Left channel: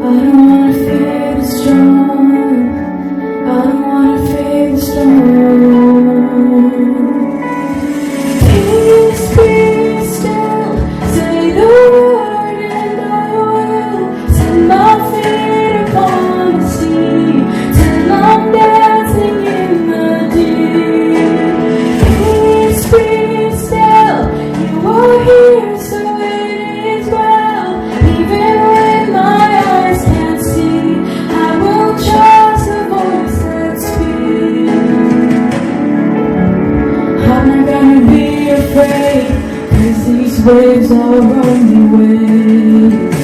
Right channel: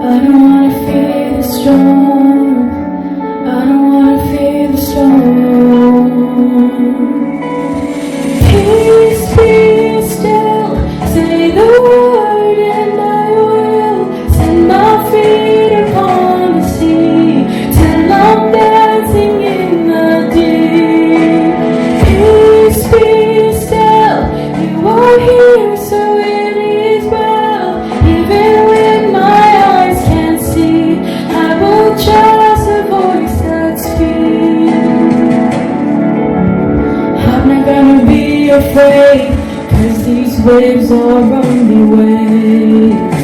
I don't wanna fear the storm. I don't wanna fear the storm. Peace, be still. Say the word and I will set my feet upon the sea till I'm dancing in the deep. Peace, be still. You are here, so it is well. Even when my eyes can't see, I will trust the voice that speaks. I'm not gonna be afraid, 'cause these waves are only waves.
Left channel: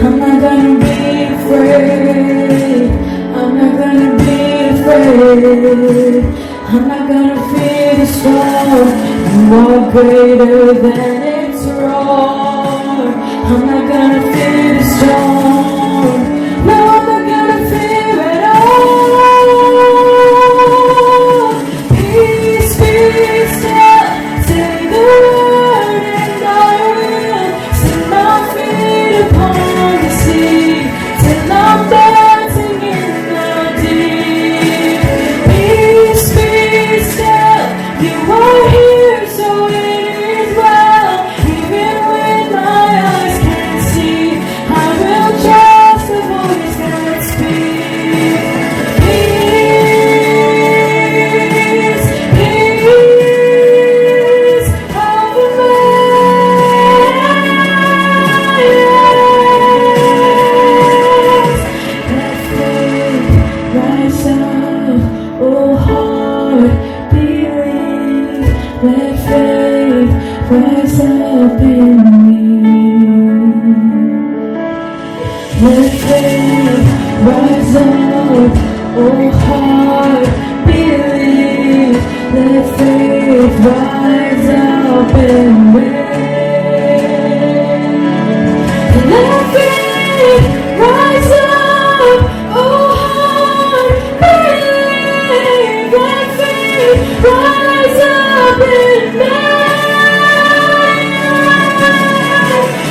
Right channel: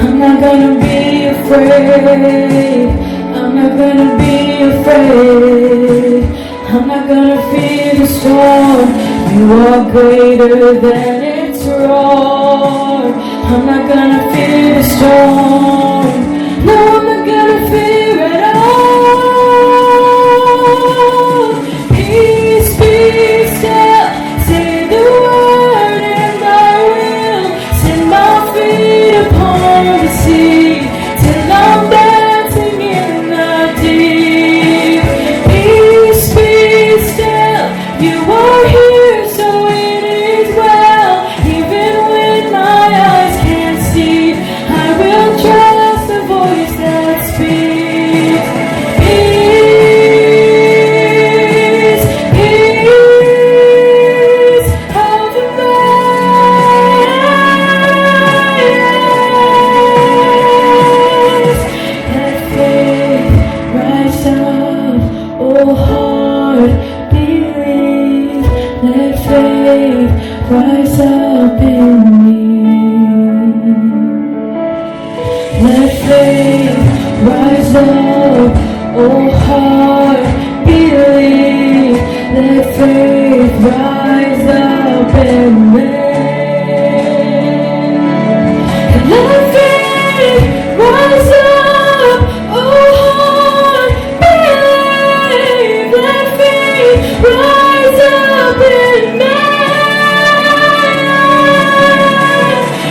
I'm not gonna be afraid. I'm not gonna be afraid. I'm not gonna fear the storm. You are greater than its roar. I'm not gonna fear the storm. No, I'm not gonna fear at all. Peace, be still. Say the word and I will set my feet upon the sea till I'm dancing in the deep. Peace, be still. You are here, so it is well. Even when my eyes can't see, I will trust the voice that speaks. Peace, peace over my eyes. Let faith rise up, oh heart, believe. Let faith rise up in me. Let faith rise up, oh heart, believe. Let faith rise up in me. Let faith rise up, oh heart, believe. Let faith rise up in me.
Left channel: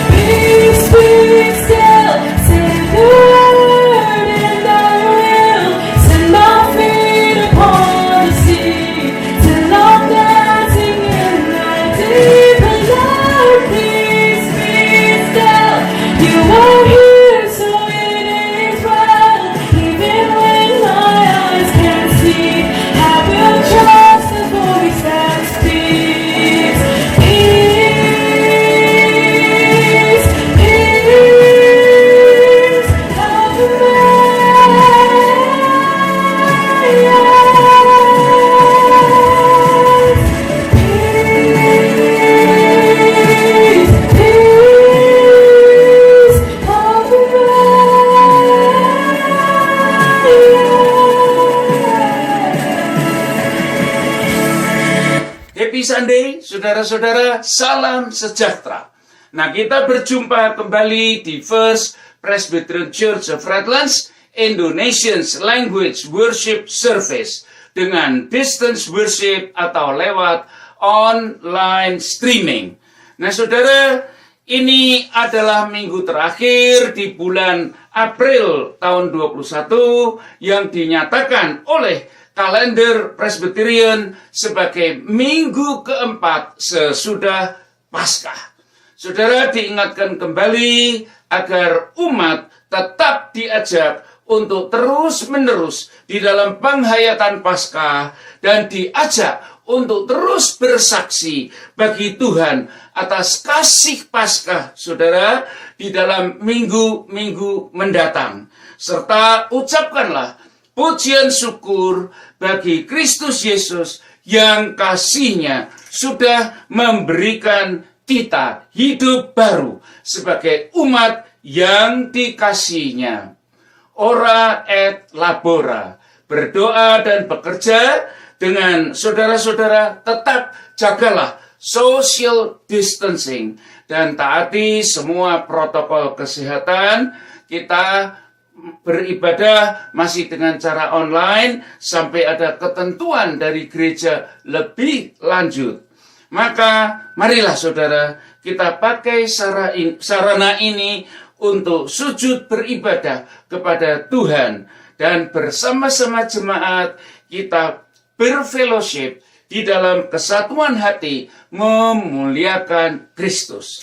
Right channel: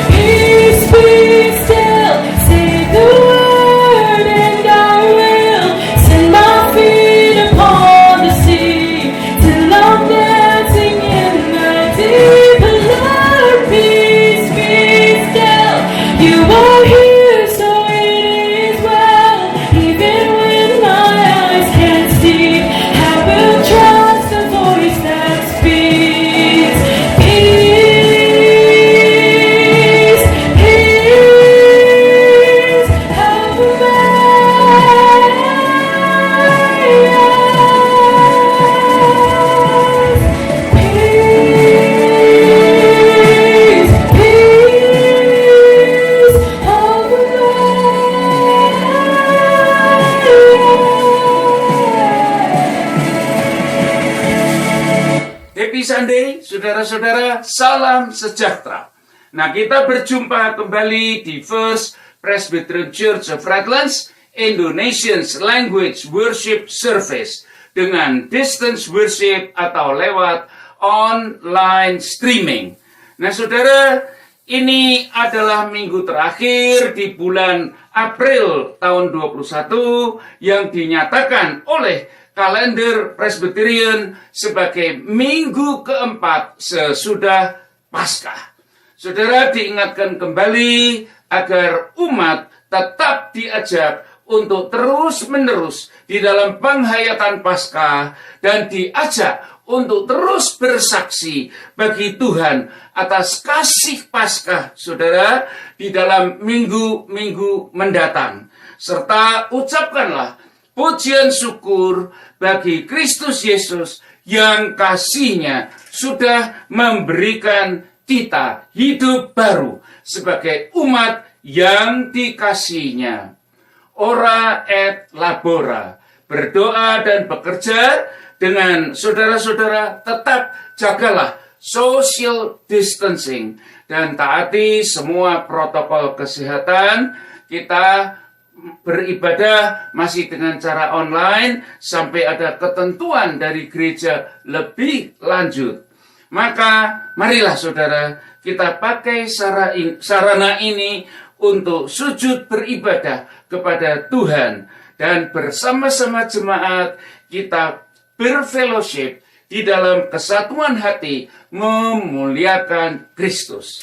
Peace, be still. Say the word and I will set my feet upon the sea till I'm dancing in the deep. Lord, peace, be still. You are here, so it is well. Even when my eyes can't see, I will trust the voice that speaks. Peace, peace over my eyes. Peace, peace over my eyes. Happy Sunday, saudara-saudara, salam sejahtera. Nah, kita berjumpa kembali di First Presbyterian Church of Redlands Indonesian's Language Worship Service dengan distance worship atau lewat online streaming. Nah, saudara, ini adalah minggu terakhir di bulan April tahun 21 yang dinyatakan oleh kalender Presbyterian sebagai minggu keempat sesudah Paskah. Saudara, diingatkan kembali agar umat tetap diajak untuk terus-menerus di dalam penghayatan Paskah dan diajak untuk terus bersaksi bagi Tuhan atas kasih Paskah, saudara, di dalam minggu-minggu mendatang. Serta ucapkanlah pujian syukur bagi Kristus Yesus yang kasih-Nya sudah memberikan kita hidup baru sebagai umat yang dikasihi-Nya. Ora et labora, berdoa dan bekerja dengan saudara-saudara, tetap jagalah social distancing dan taati semua protokol kesehatan. Kita beribadah masih dengan cara online sampai ada ketentuan dari gereja lebih lanjut. Maka marilah saudara, kita pakai sarana ini untuk sujud beribadah kepada Tuhan. Dan bersama-sama jemaat kita berfellowship di dalam kesatuan hati memuliakan Kristus.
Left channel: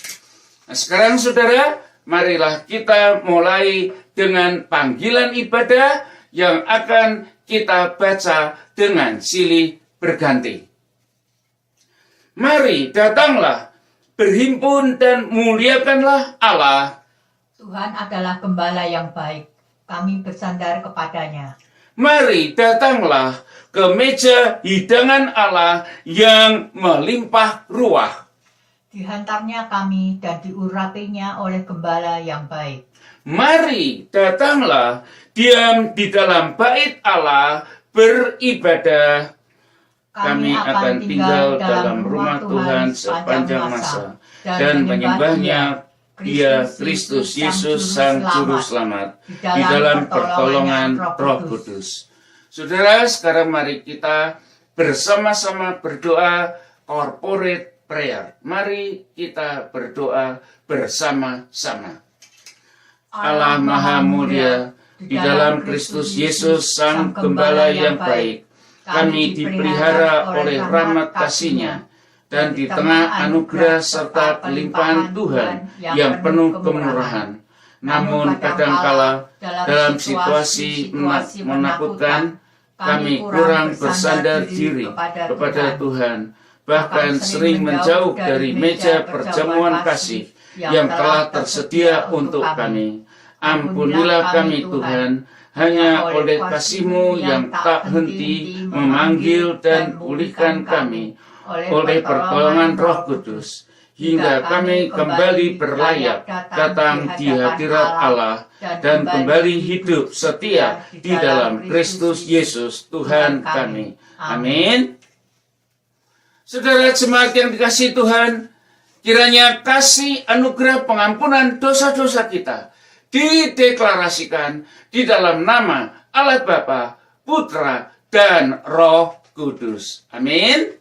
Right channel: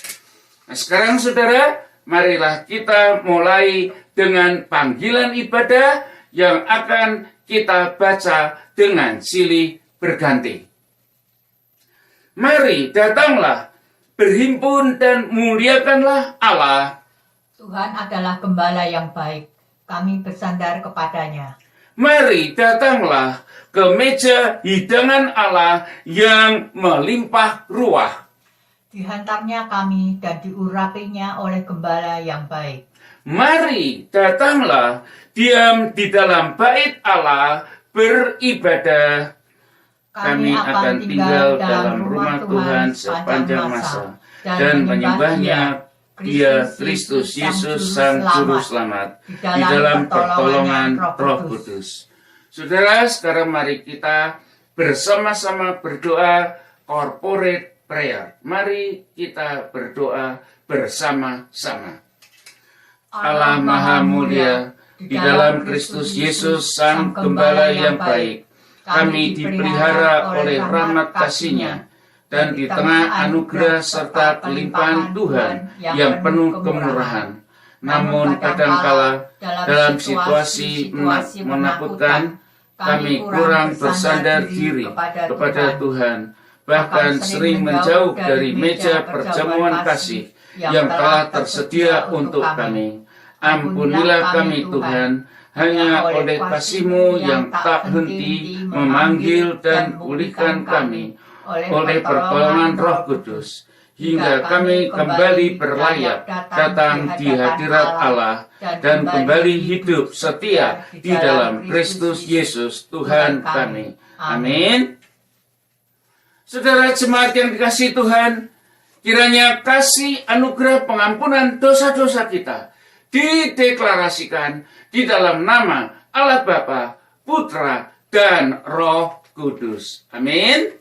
Nah, sekarang saudara, marilah kita mulai dengan panggilan ibadah yang akan kita baca dengan silih berganti. Mari datanglah, berhimpun dan muliakanlah Allah. Tuhan adalah gembala yang baik, kami bersandar kepadanya. Mari datanglah ke meja hidangan Allah yang melimpah ruah. Dihantarnya kami dan diurapinya oleh gembala yang baik. Mari datanglah, diam di dalam bait Allah, beribadah. Kami akan tinggal dalam rumah Tuhan sepanjang masa dan menyembahnya Dia Kristus Yesus Sang Juru Selamat di dalam pertolongan Roh Kudus. Saudara, sekarang mari kita bersama-sama berdoa corporate prayer. Mari kita berdoa bersama-sama. Allah Maha Mulia, di dalam Kristus Yesus Sang Gembala yang baik, kami dipelihara oleh rahmat kasih-Nya, dan di tengah anugerah serta kelimpahan Tuhan yang penuh kemurahan. Namun kadangkala dalam situasi menakutkan, kami kurang bersandar diri kepada Tuhan, bahkan sering menjauh dari meja perjamuan kasih yang telah tersedia untuk kami. Ampunilah kami Tuhan, hanya oleh kasih-Mu yang tak henti memanggil dan pulihkan kami oleh pertolongan Roh Kudus, hingga kami kembali berlayap datang di hadirat Allah dan kembali hidup setia di dalam Kristus Yesus Tuhan kami. Amin. Saudara jemaat yang dikasihi Tuhan, kiranya kasih anugerah pengampunan dosa-dosa kita dideklarasikan di dalam nama Allah Bapa, Putra, dan Roh Kudus. Amin.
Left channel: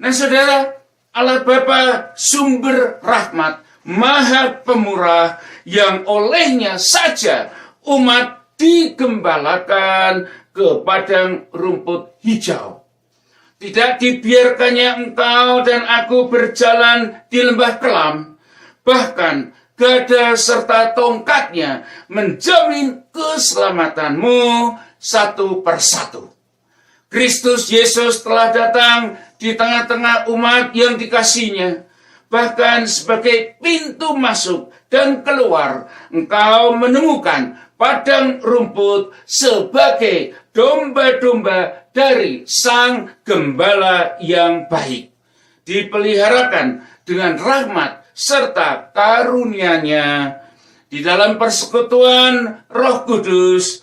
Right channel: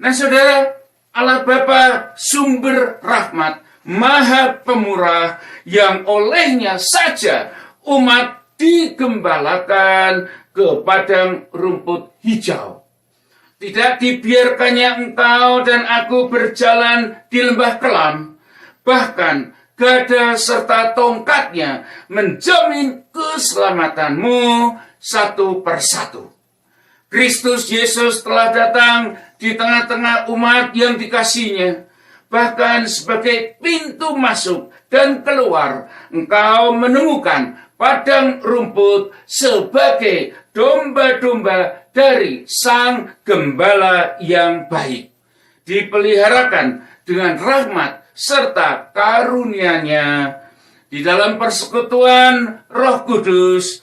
Nah saudara, Allah Bapa sumber rahmat, maha pemurah, yang olehnya saja umat digembalakan ke padang rumput hijau. Tidak dibiarkannya engkau dan aku berjalan di lembah kelam, bahkan gada serta tongkatnya menjamin keselamatanmu satu persatu. Kristus Yesus telah datang di tengah-tengah umat yang dikasihinya. Bahkan sebagai pintu masuk dan keluar, engkau menemukan padang rumput sebagai domba-domba dari Sang Gembala yang baik. Dipeliharakan dengan rahmat serta karunia-Nya. Di dalam persekutuan Roh Kudus,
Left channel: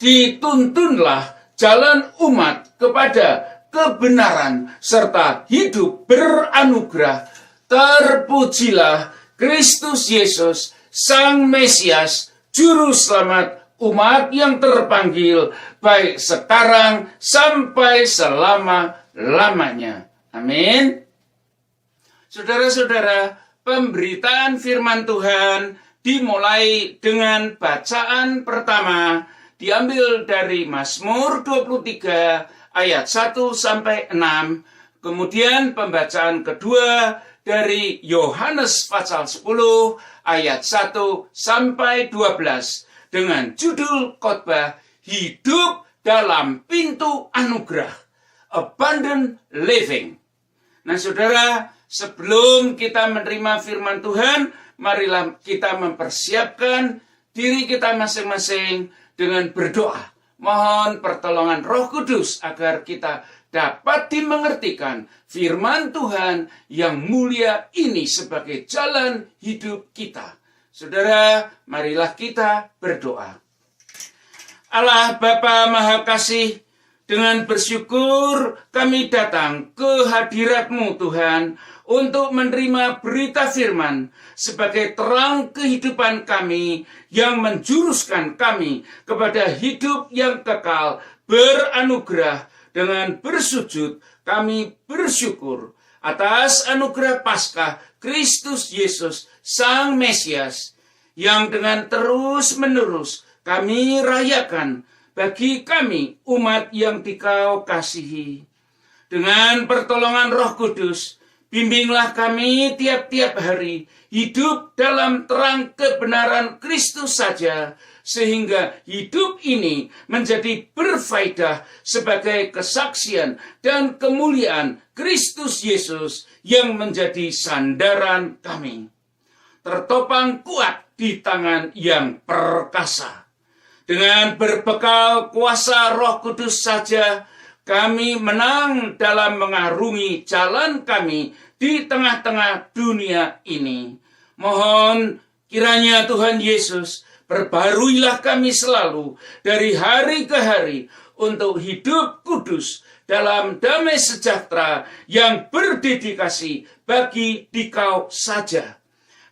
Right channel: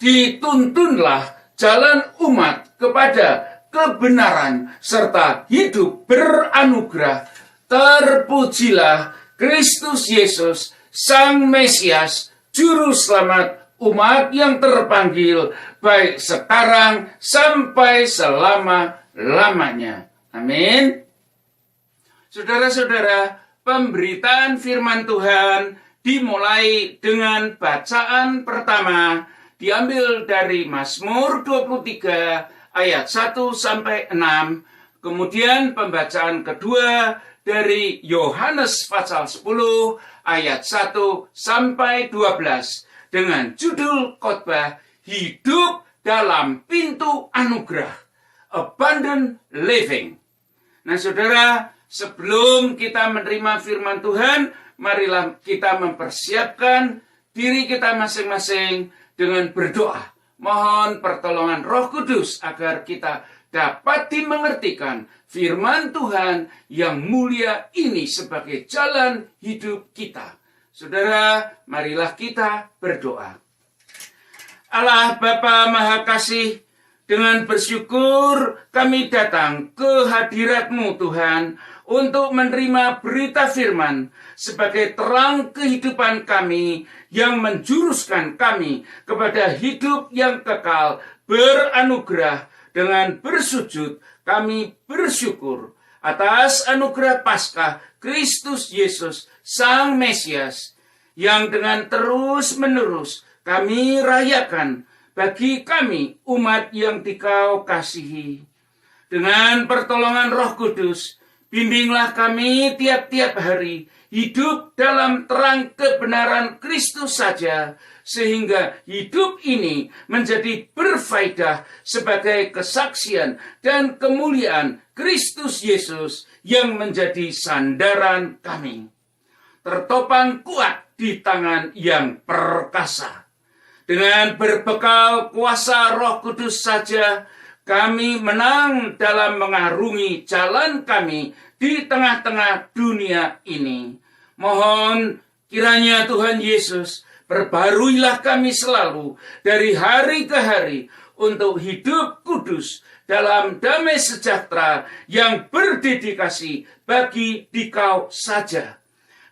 dituntunlah jalan umat kepada kebenaran serta hidup beranugerah. Terpujilah Kristus Yesus, Sang Mesias, Juru Selamat umat yang terpanggil, baik sekarang sampai selama-lamanya. Amin. Saudara-saudara, pemberitaan firman Tuhan dimulai dengan bacaan pertama, diambil dari Mazmur 23 ayat 1 sampai 6. Kemudian pembacaan kedua dari Yohanes pasal 10 ayat 1 sampai 12 dengan judul khotbah Hidup dalam Pintu Anugerah, Abundant Living. Nah saudara, sebelum kita menerima firman Tuhan, marilah kita mempersiapkan diri kita masing-masing dengan berdoa. Mohon pertolongan Roh Kudus agar kita dapat dimengertikan firman Tuhan yang mulia ini sebagai jalan hidup kita. Saudara, marilah kita berdoa. Allah Bapa Maha Kasih, dengan bersyukur kami datang ke hadirat-Mu Tuhan untuk menerima berita firman sebagai terang kehidupan kami yang menjuruskan kami kepada hidup yang kekal beranugerah. Dengan bersujud kami bersyukur atas anugerah Paskah Kristus Yesus Sang Mesias yang dengan terus-menerus kami rayakan bagi kami umat yang Dikau kasihi. Dengan pertolongan Roh Kudus, bimbinglah kami tiap-tiap hari hidup dalam terang kebenaran Kristus saja, sehingga hidup ini menjadi berfaedah sebagai kesaksian dan kemuliaan Kristus Yesus yang menjadi sandaran kami. Tertopang kuat di tangan yang perkasa. Dengan berbekal kuasa Roh Kudus saja, kami menang dalam mengarungi jalan kami di tengah-tengah dunia ini. Mohon kiranya Tuhan Yesus perbaruilah kami selalu dari hari ke hari untuk hidup kudus dalam damai sejahtera yang berdedikasi bagi Dikau saja.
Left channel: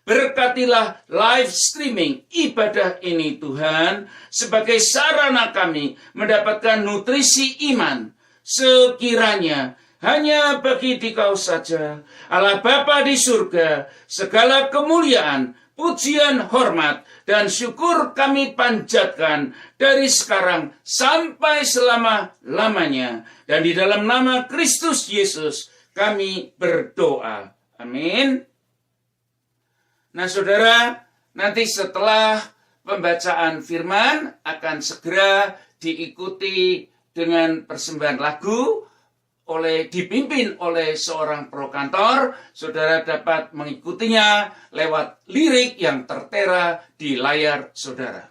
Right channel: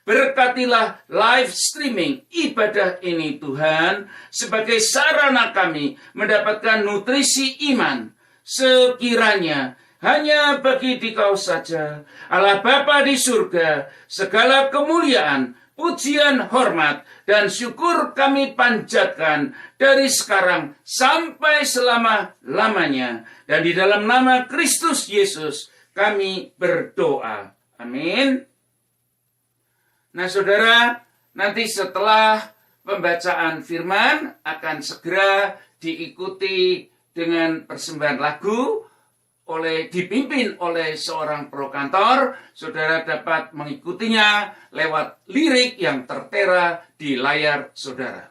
Berkatilah live streaming ibadah ini Tuhan sebagai sarana kami mendapatkan nutrisi iman. Sekiranya hanya bagi Dikau saja, Allah Bapa di surga, segala kemuliaan, pujian, hormat, dan syukur kami panjatkan dari sekarang sampai selama-lamanya. Dan di dalam nama Kristus Yesus kami berdoa. Amin. Nah saudara, nanti setelah pembacaan firman akan segera diikuti dengan persembahan lagu dipimpin oleh seorang prokantor. Saudara dapat mengikutinya lewat lirik yang tertera di layar saudara.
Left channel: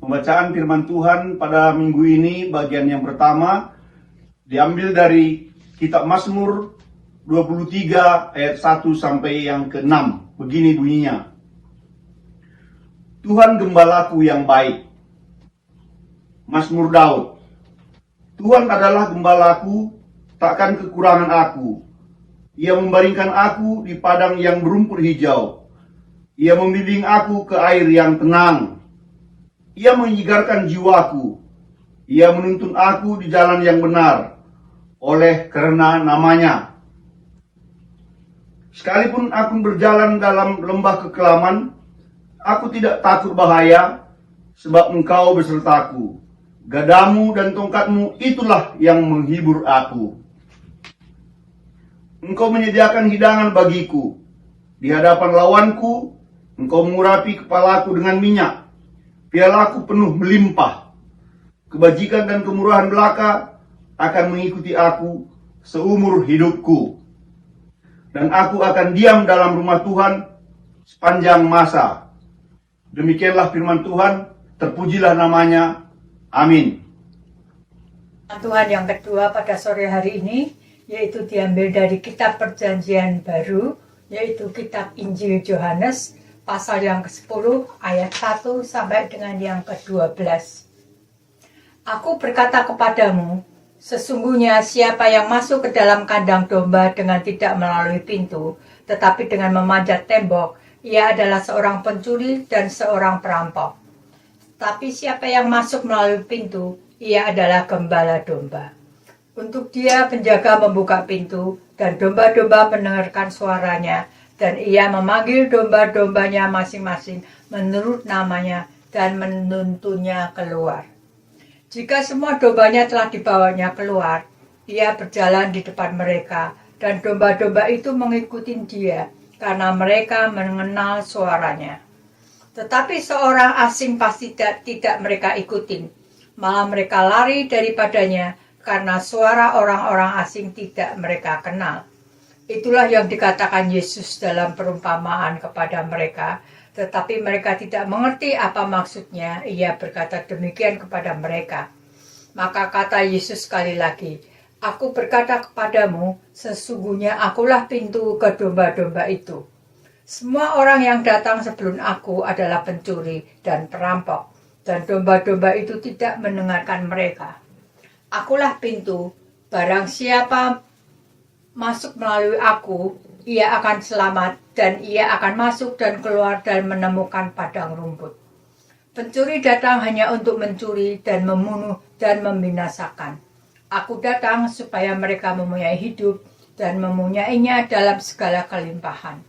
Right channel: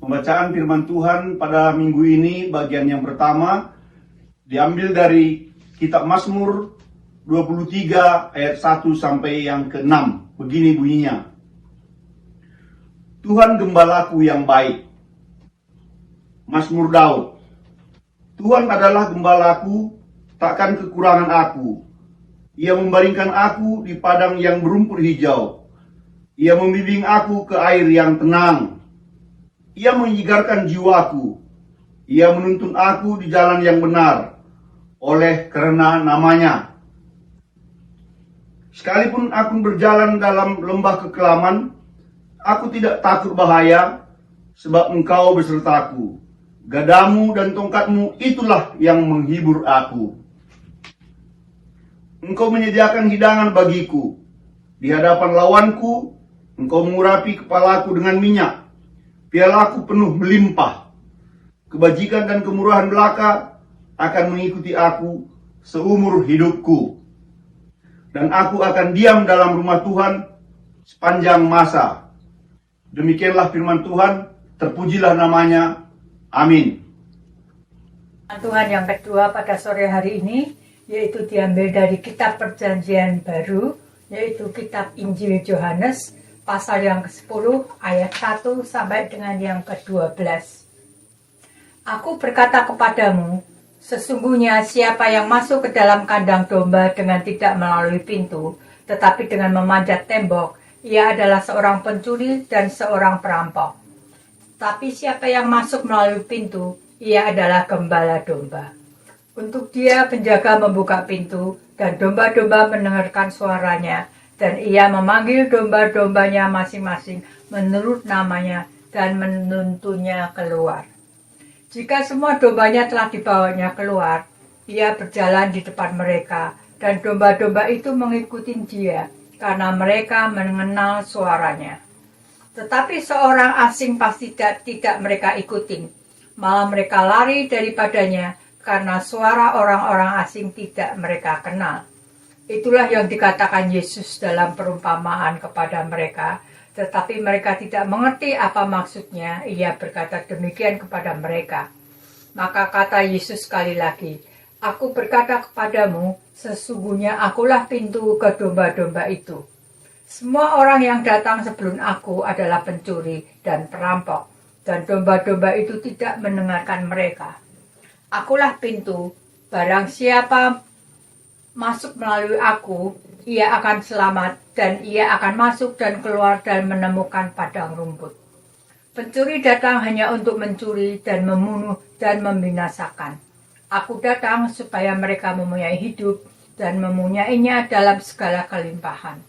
Pembacaan firman Tuhan pada minggu ini bagian yang pertama diambil dari kitab Mazmur 23 ayat 1 sampai yang ke-6. Begini bunyinya. Tuhan gembalaku yang baik. Mazmur Daud. Tuhan adalah gembalaku, takkan kekurangan aku. Ia membaringkan aku di padang yang berumput hijau. Ia membimbing aku ke air yang tenang. Ia menyegarkan jiwaku. Ia menuntun aku di jalan yang benar, oleh karena namanya. Sekalipun aku berjalan dalam lembah kekelaman, aku tidak takut bahaya, sebab Engkau besertaku. Gadamu dan tongkatmu itulah yang menghibur aku. Engkau menyediakan hidangan bagiku. Di hadapan lawanku, Engkau mengurapi kepalaku dengan minyak. Pialaku penuh melimpah. Kebajikan dan kemurahan belaka akan mengikuti aku seumur hidupku. Dan aku akan diam dalam rumah Tuhan sepanjang masa. Demikianlah firman Tuhan, terpujilah namanya. Amin. Tuhan yang kedua pada sore hari ini, yaitu diambil dari kitab Perjanjian Baru, yaitu kitab Injil Yohanes, pasal yang ke-10, ayat 1 sampai dengan yang ke-12. Aku berkata kepadamu, sesungguhnya siapa yang masuk ke dalam kandang domba dengan tidak melalui pintu, tetapi dengan memanjat tembok, ia adalah seorang pencuri dan seorang perampok. Tapi siapa yang masuk melalui pintu, ia adalah gembala domba. Untuk dia penjaga membuka pintu, dan domba-domba mendengarkan suaranya, dan ia memanggil domba-dombanya masing-masing menurut namanya, dan menuntunnya keluar. Jika semua dombanya telah dibawanya keluar, ia berjalan di depan mereka, dan domba-domba itu mengikuti dia, karena mereka mengenal suaranya. Tetapi seorang asing pasti tidak mereka ikutin, malah mereka lari daripadanya, karena suara orang-orang asing tidak mereka kenal. Itulah yang dikatakan Yesus dalam perumpamaan kepada mereka, tetapi mereka tidak mengerti apa maksudnya. Ia berkata demikian kepada mereka. Maka kata Yesus sekali lagi, aku berkata kepadamu, sesungguhnya akulah pintu ke domba-domba itu. Semua orang yang datang sebelum aku adalah pencuri dan perampok, dan domba-domba itu tidak mendengarkan mereka. Akulah pintu, barang siapa masuk melalui aku, ia akan selamat, dan ia akan masuk dan keluar dan menemukan padang rumput. Pencuri datang hanya untuk mencuri dan membunuh dan membinasakan. Aku datang supaya mereka mempunyai hidup dan mempunyainya dalam segala kelimpahan.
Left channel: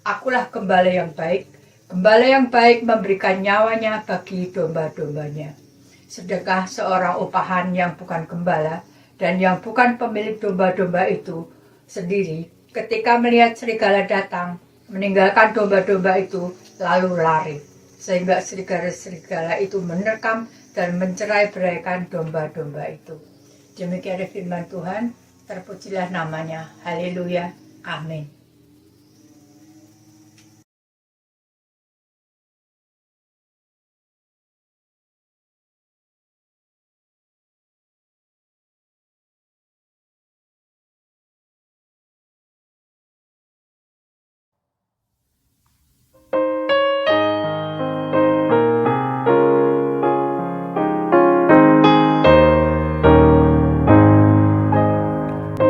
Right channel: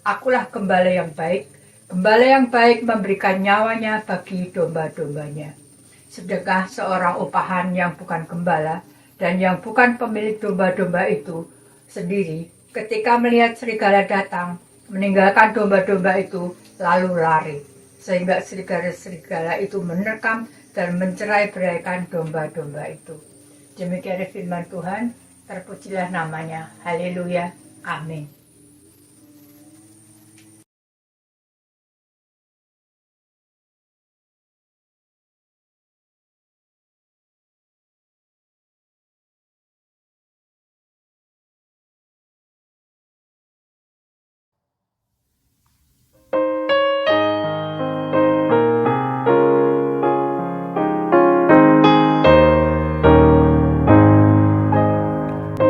Akulah gembala yang baik, Gembala yang baik memberikan nyawanya bagi domba-dombanya. Sedekah seorang upahan yang bukan gembala dan yang bukan pemilik domba-domba itu sendiri ketika melihat serigala datang, meninggalkan domba-domba itu lalu lari. Sehingga serigala-serigala itu menerkam dan mencerai-beraikan domba-domba itu. Demikian firman Tuhan, terpujilah namanya. Haleluya. Amin.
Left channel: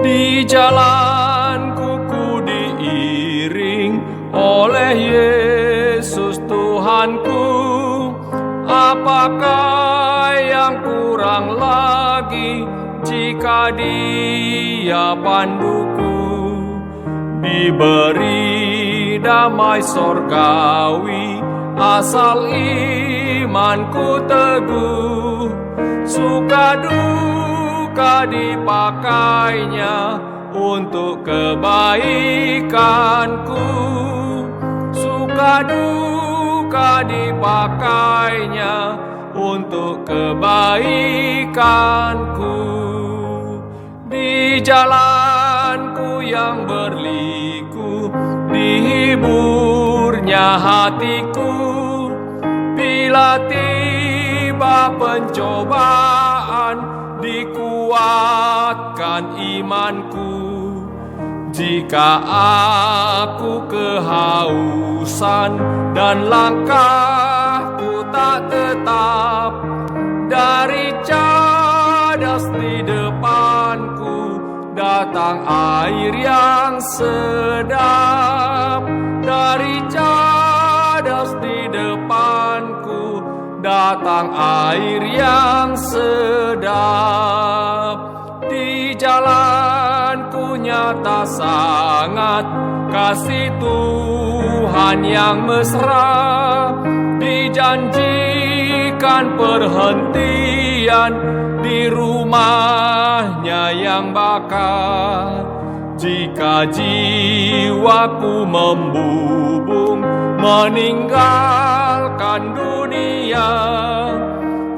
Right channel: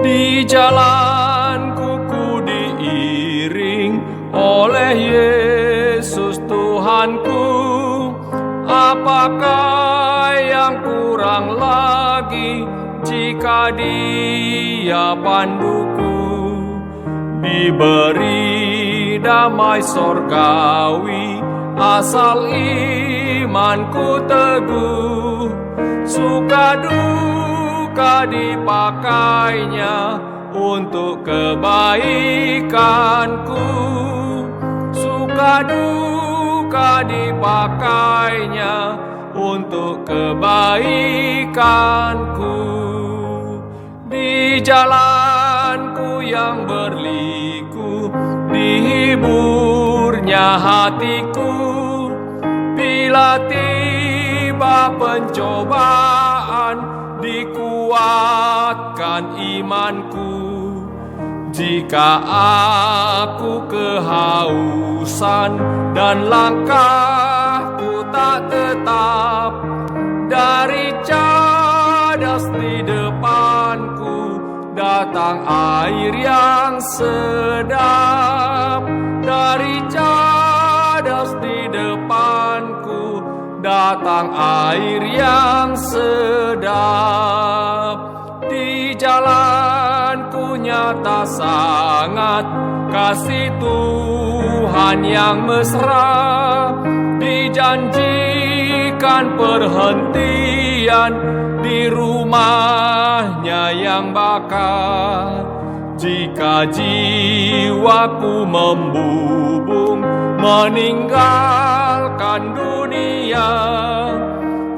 Di jalanku ku diiring oleh Yesus Tuhanku. Apakah yang kurang lagi jika Dia panduku? Diberi damai sorgawi asal imanku teguh. Suka duka dipakainya untuk kebaikanku. Suka duka dipakainya untuk kebaikanku. Di jalanku yang berliku dihiburnya hatiku. Bila tiba pencobaan dikuatkan imanku. Jika aku kehausan dan langkahku tak tetap, dari cadas di depanku datang air yang sedap. Dari cadas di depanku datang air yang sedap. Di jalanku nyata sangat kasih Tuhan yang mesra. Dijanjikan perhentian di rumahnya yang bakar. Jika jiwaku membubung meninggalkan dunia,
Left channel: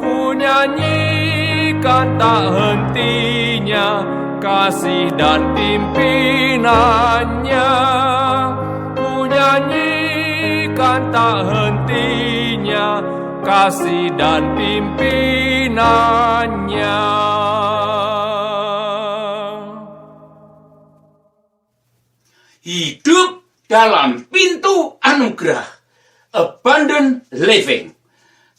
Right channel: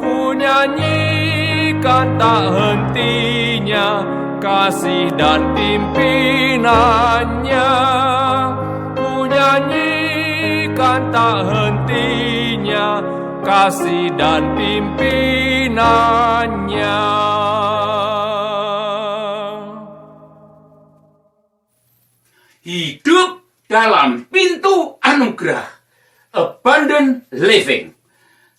ku nyanyikan tak hentinya kasih dan pimpinannya. Ku nyanyikan tak hentinya kasih dan pimpinannya. Hidup dalam pintu anugerah, abundant living.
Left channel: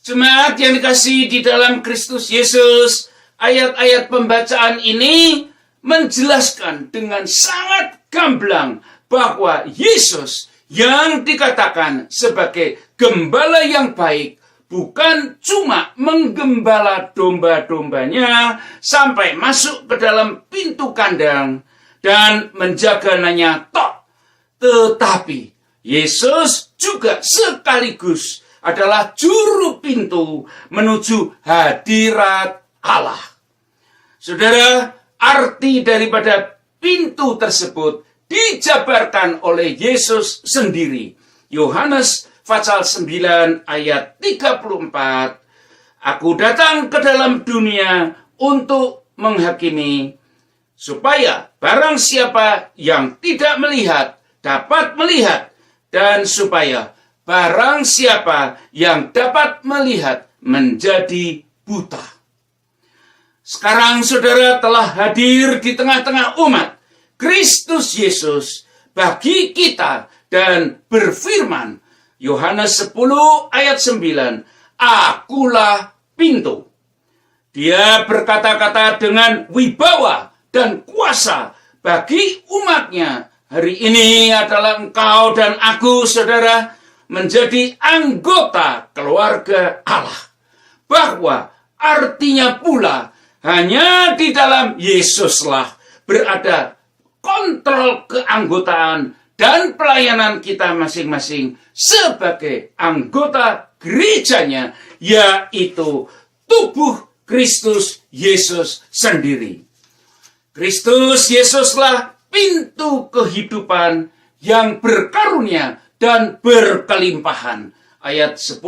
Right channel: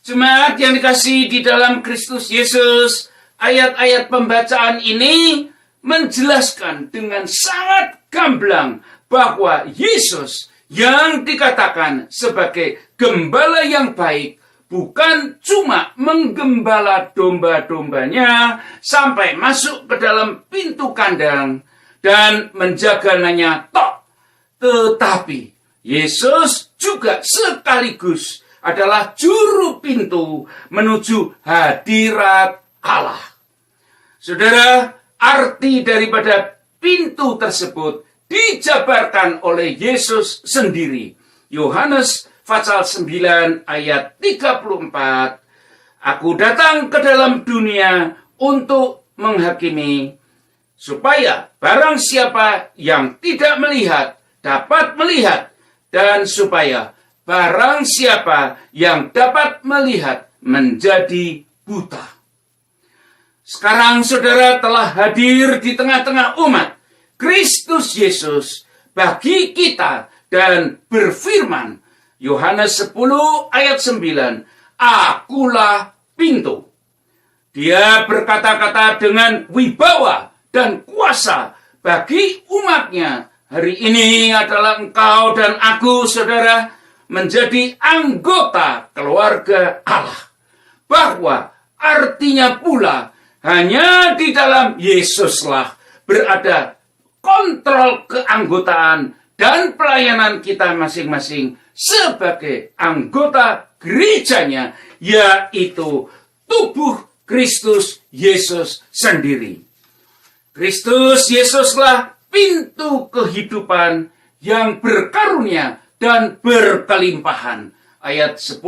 Jemaat yang dikasihi di dalam Kristus Yesus, ayat-ayat pembacaan ini menjelaskan dengan sangat gamblang bahwa Yesus yang dikatakan sebagai gembala yang baik bukan cuma menggembala domba-dombanya sampai masuk ke dalam pintu kandang dan menjagananya tok, tetapi Yesus juga sekaligus adalah juru pintu menuju hadirat Allah. Saudara, arti daripada pintu tersebut dijabarkan oleh Yesus sendiri. Yohanes pasal 9 ayat 34. Aku datang ke dalam dunia untuk menghakimi, supaya barang siapa yang tidak melihat dapat melihat, dan supaya barang siapa yang dapat melihat menjadi buta. Sekarang saudara telah hadir di tengah-tengah umat Kristus Yesus bagi kita dan berfirman, Yohanes 10 ayat 9, Akulah pintu. Dia berkata-kata dengan wibawa dan kuasa bagi umatnya. Hari ini adalah engkau dan aku, saudara, menjadi anggota keluarga Allah. Bahwa artinya pula hanya di dalam Yesuslah berada kontrol keanggotaan dan pelayanan kita masing-masing sebagai anggota gerejanya, yaitu tubuh Kristus Yesus sendiri. Kristus Yesuslah pintu kehidupan yang berkarunia dan berkelimpahan. Ayat 10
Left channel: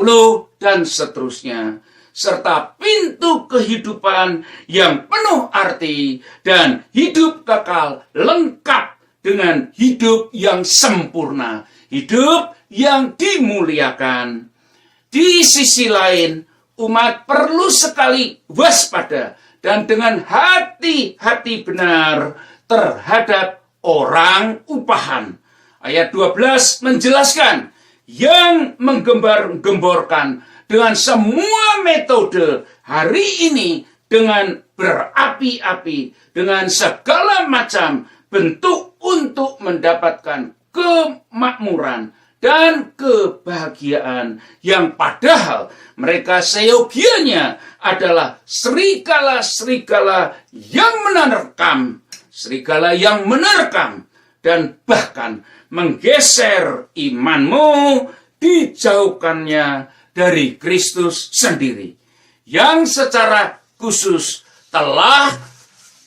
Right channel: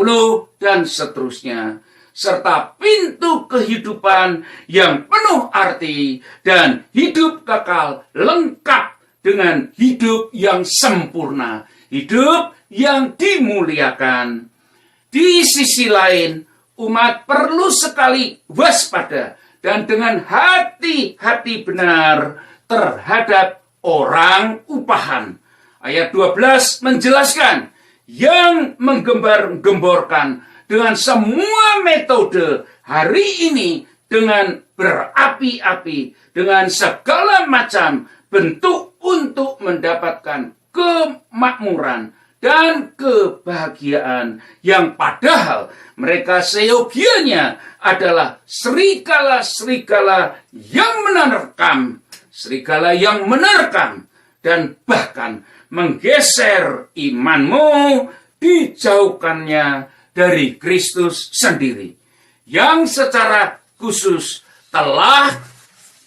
dan seterusnya. Serta pintu kehidupan yang penuh arti dan hidup kekal lengkap dengan hidup yang sempurna. Hidup yang dimuliakan. Di sisi lain, umat perlu sekali waspada dan dengan hati-hati benar terhadap orang upahan. Ayat 12 menjelaskan yang menggembar-gemborkan dengan semua metode hari ini dengan berapi-api, dengan segala macam bentuk untuk mendapatkan kemakmuran dan kebahagiaan yang padahal mereka seyogianya adalah serigala-serigala yang menerkam, serigala yang menerkam dan bahkan menggeser imanmu, dijauhkannya dari Kristus sendiri yang secara khusus telah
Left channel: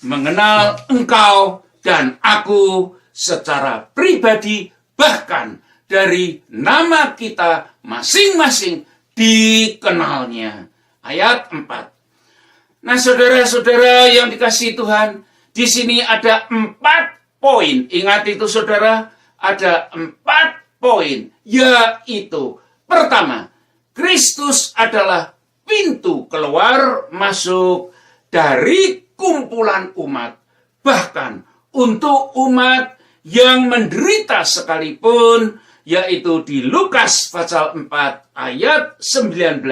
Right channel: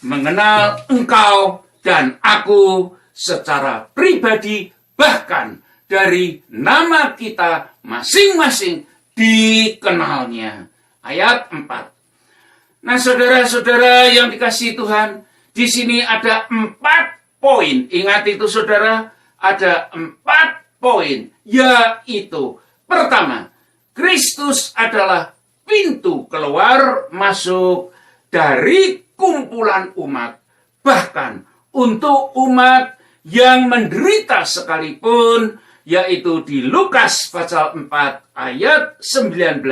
mengenal engkau dan aku secara pribadi, bahkan dari nama kita masing-masing dikenalnya. Ayat 4. Nah, saudara-saudara yang dikasihi Tuhan, di sini ada 4 poin. Ingat itu saudara, ada 4 poin, yaitu pertama, Kristus adalah pintu keluar masuk dari kumpulan umat, bahkan untuk umat yang menderita sekalipun, yaitu di Lukas pasal 4 ayat 19,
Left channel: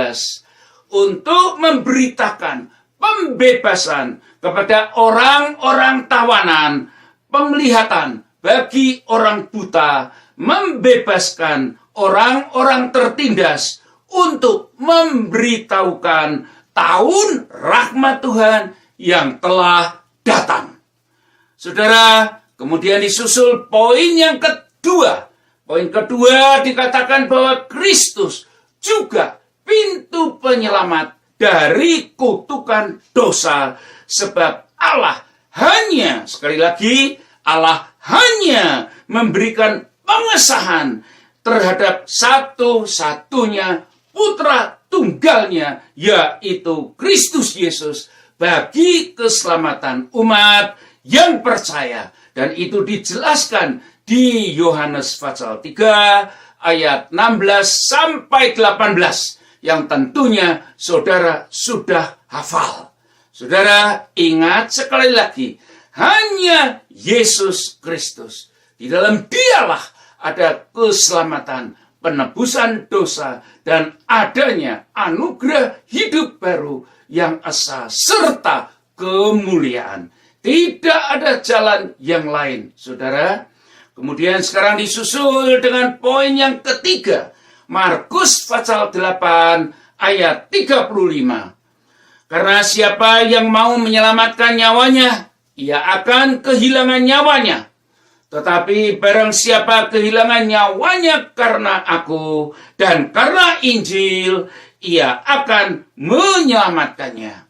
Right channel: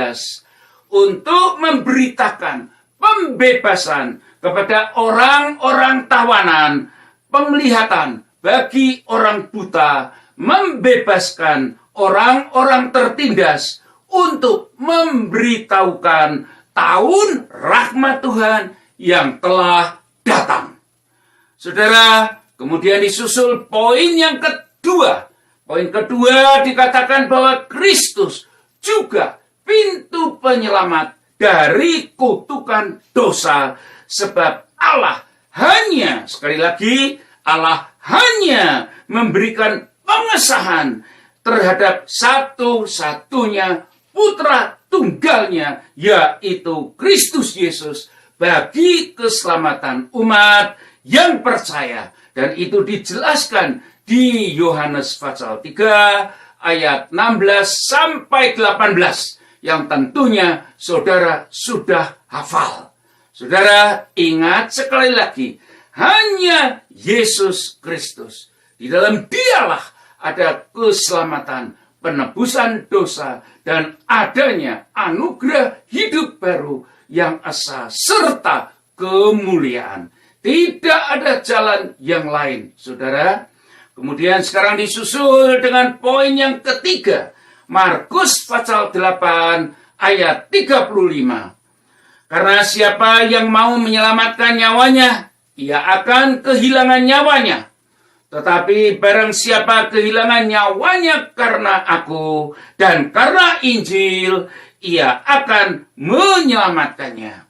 untuk memberitakan pembebasan kepada orang-orang tawanan, penglihatan bagi orang buta, membebaskan orang-orang tertindas, untuk memberitahukan tahun rahmat Tuhan yang telah datang. Saudara, kemudian disusul poin yang kedua. Poin kedua dikatakan bahwa Kristus juga pintu penyelamat dari kutukan dosa, sebab Allah hanya, sekali lagi, Allah hanya memberikan pengesahan terhadap satu-satunya putra tunggalnya, yaitu Kristus Yesus, bagi keselamatan umat yang percaya. Dan itu dijelaskan di Yohanes pasal 3 ayat 16 sampai 18 yang tentunya saudara sudah hafal. Saudara ingat sekali lagi, hanya Yesus Kristus, di dalam Dialah ada keselamatan, penebusan dosa, dan adanya anugerah hidup baru yang esa serta kemuliaan. Tidak ada jalan yang lain, saudara. Kemudian sekarang disusul dengan poin yang ketiga. Markus pasal 8 ayat 35. Karena siapa yang mau menyelamatkan nyawanya, ia akan kehilangan nyawanya. Tetapi barang siapa kehilangan nyawanya karena aku dan karena Injil, ia akan menyelamatkannya.